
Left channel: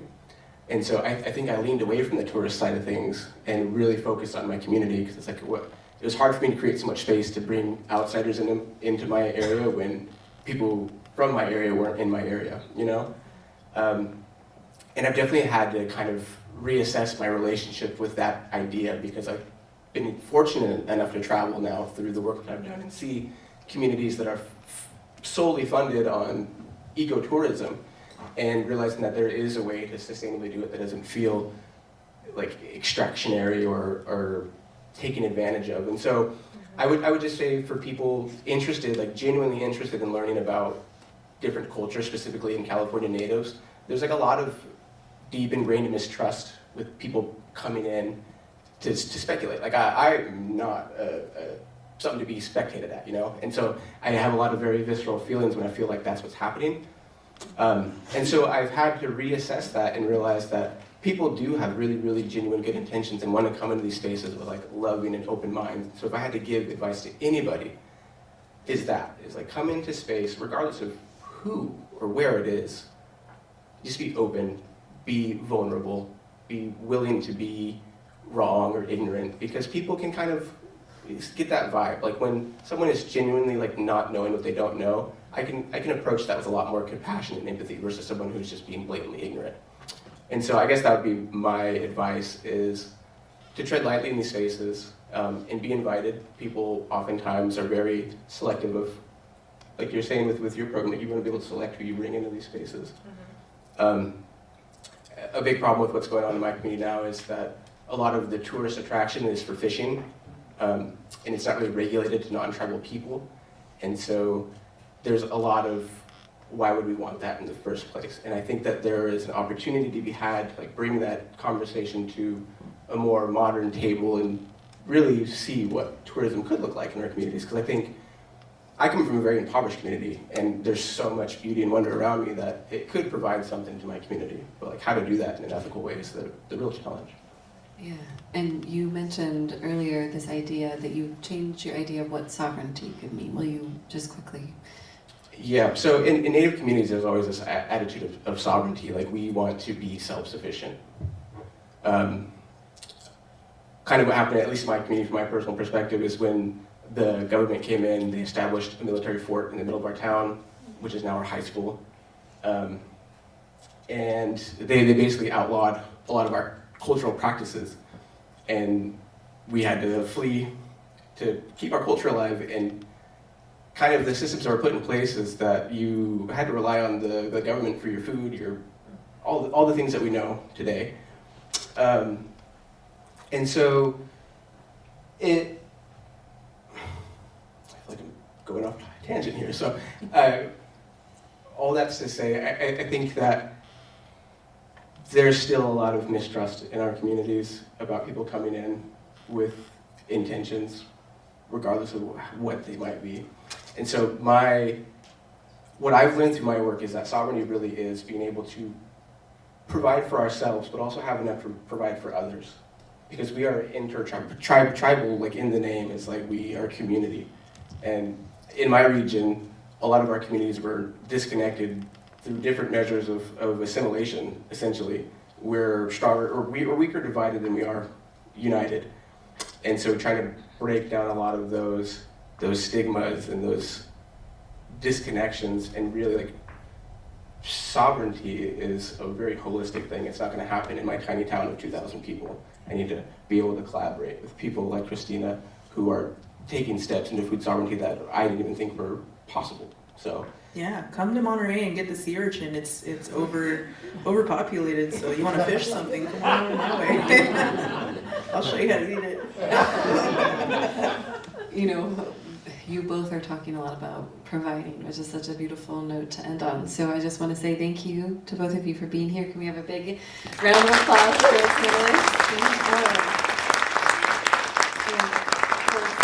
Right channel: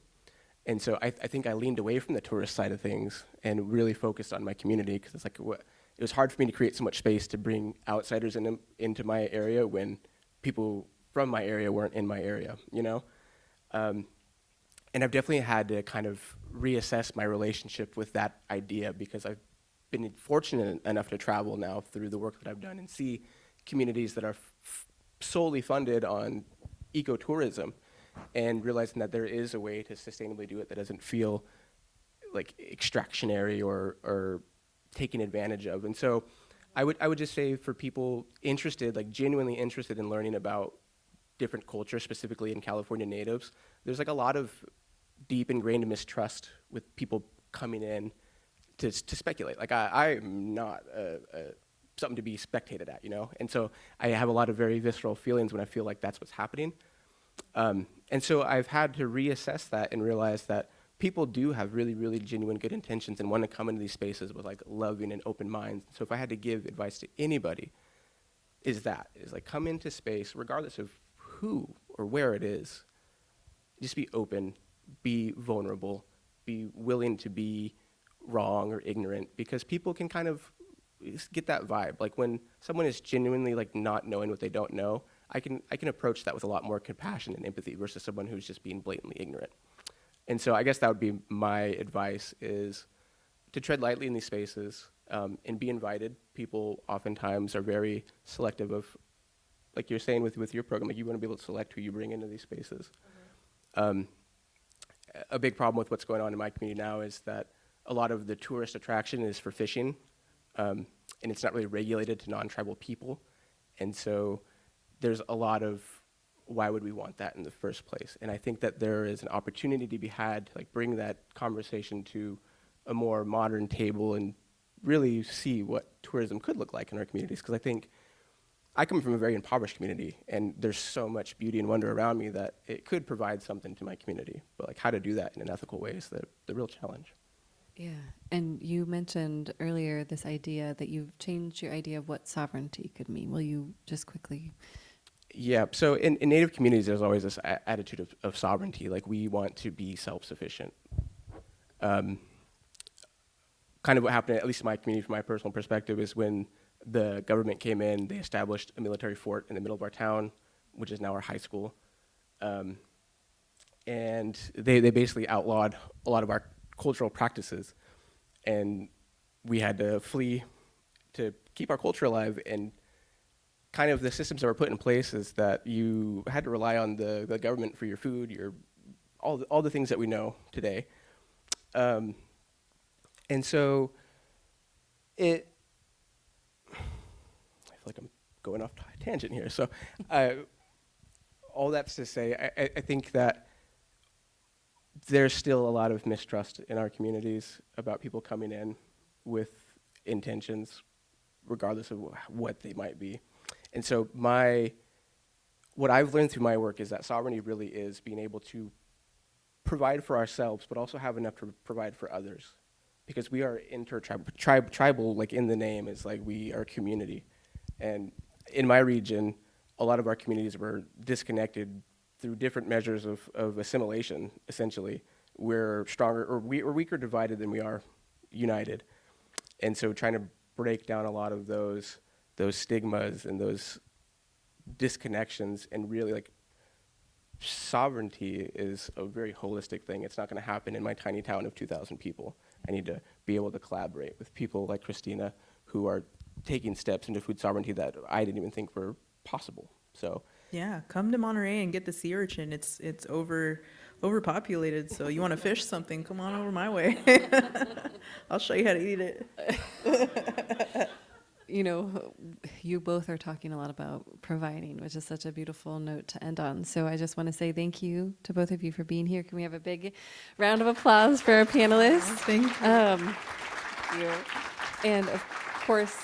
And so I think I leaned away from the tourist side of things and really focused on my community, because it's like it was hard for me to create so much space to bring outsiders into my area when people from my area weren't in my area, you know? And I've definitely had to kind of reassess my relationship with that idea, because I've been fortunate enough to travel now through the work that I've done and see communities that are solely funded on ecotourism, and realizing that there is a way to sustainably do it that doesn't feel like extractionary or taken advantage of. And so I would just say for people interested, like genuinely interested in learning about different cultures, specifically in California natives, there's like a lot of deep ingrained mistrust with people coming in to speculate. Like I'm not something to be spectated at, you know? And so I have a lot of very visceral feelings when I feel like that's what's happening. And so I've had to reassess that and realize that people do have really, really genuine good intentions and want to come into these spaces with like loving and open minds. So if I had to give advice to anybody, is like come into space, regardless of who or where it is, just be open, be vulnerable, be willing to be wrong or ignorant, because people can kind of get that vibe. Like when someone is genuinely like not knowing what they don't know, I can approach that with a lot more compassion and empathy versus someone who's just being blatantly ignorant. And so I guess that would be my advice, is to tread lightly in these spaces and be invited. People oftentimes are very selective of, like you're saying with your program, that you want to be able to select who you bring into these spaces. A big problem with what's going on in my community now is that a lot of the tourist attraction is for fishing, and it's not really regulated to non-tribal people. And so there's a lot of, why would we want that in the first place? And I think that there is an opportunity to be had, like bring that conversation to a more modern table and really see what tourism could look like in our communities. Because I think I come from a very impoverished community, and there's so much beauty and wonder around me that it could provide something to my community. But like how to do that in an ethical way is the real challenge. Yeah, and you mentioned earlier this idea that you changed your idea of what sovereignty could mean. Will you just quickly? Yeah, so in Native communities, there's always this attitude of sovereignty, like we want to be self-sufficient. Kind of what happened, at least in my community, from my personal perspective, is when the government came in, they established a military fort in the middle of our town, which is now our high school. And they basically outlawed a lot of our cultural practices. And we had to flee to keep our culture alive. And kind of the systems that were put in place is that you had to rely on the government for your food, all the things that we know today. And so I feel like I'm going off a tangent here. So all that's to say, I think that there's still a lot of mistrust in our communities about people coming in with intentions, regardless of what they might be. And so my what I've learned through my work is that sovereignty really is being able to provide for ourselves, but also have enough to provide for others. Because we are tribal, like in the name, is like we are community. And in my region, a lot of our communities were disconnected through different measures of assimilation, essentially. We're stronger, or we're weaker divided than we are united. And so trying to break down a lot of those stigmas and those disconnections, and really like sovereignty is a very holistic thing. It's not going to happen in my tiny town of 2,000 people. I need to be able to collaborate with people like Christina who are taking steps into food sovereignty that I didn't even think were possible. So Yeah, come to Monterey and get the sea urchin. It's overpopulated, so you want to fish something, come on my way. I'll show you how to eat it. You know, you both are talking a lot about providing, which is such a beautiful note to end on. So I just want to say thank you to both of you for being here. Can we have a big round of applause for our panelists? And of course,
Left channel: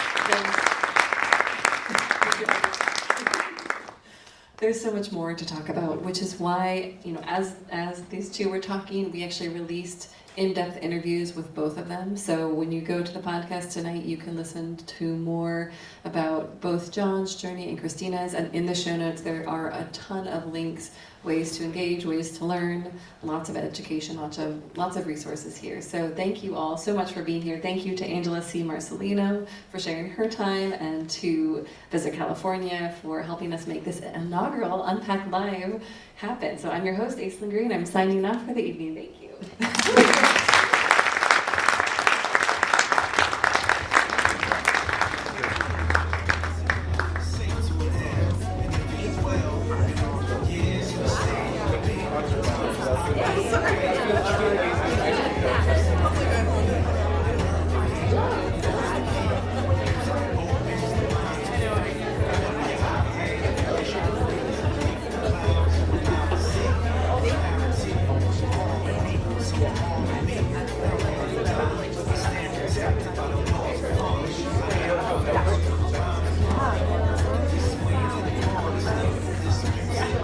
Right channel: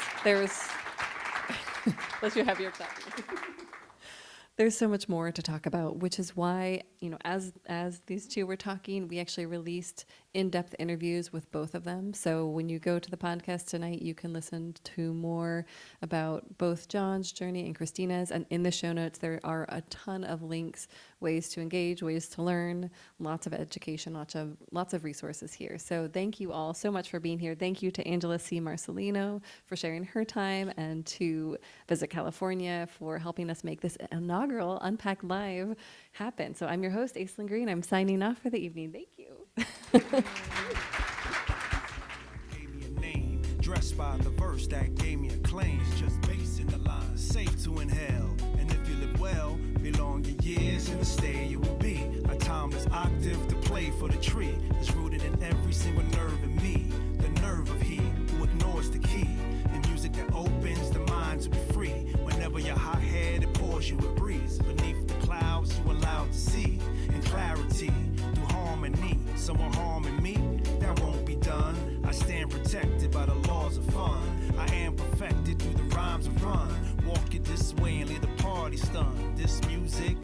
there's so much more to talk about, which is why, you know, as these two were talking, we actually released in-depth interviews with both of them. So when you go to the podcast tonight, you can listen to more about both John's journey and Christina's. And in the show notes, there are a ton of links, ways to engage, ways to learn, lots of education, lots of resources here. So thank you all so much for being here. Thank you to Angela C. Marcelino for sharing her time, and to Visit California for helping us make this inaugural Unpacked Live happen. So I'm your host, Aislyn Greene. I'm signing off for the evening. Thank you.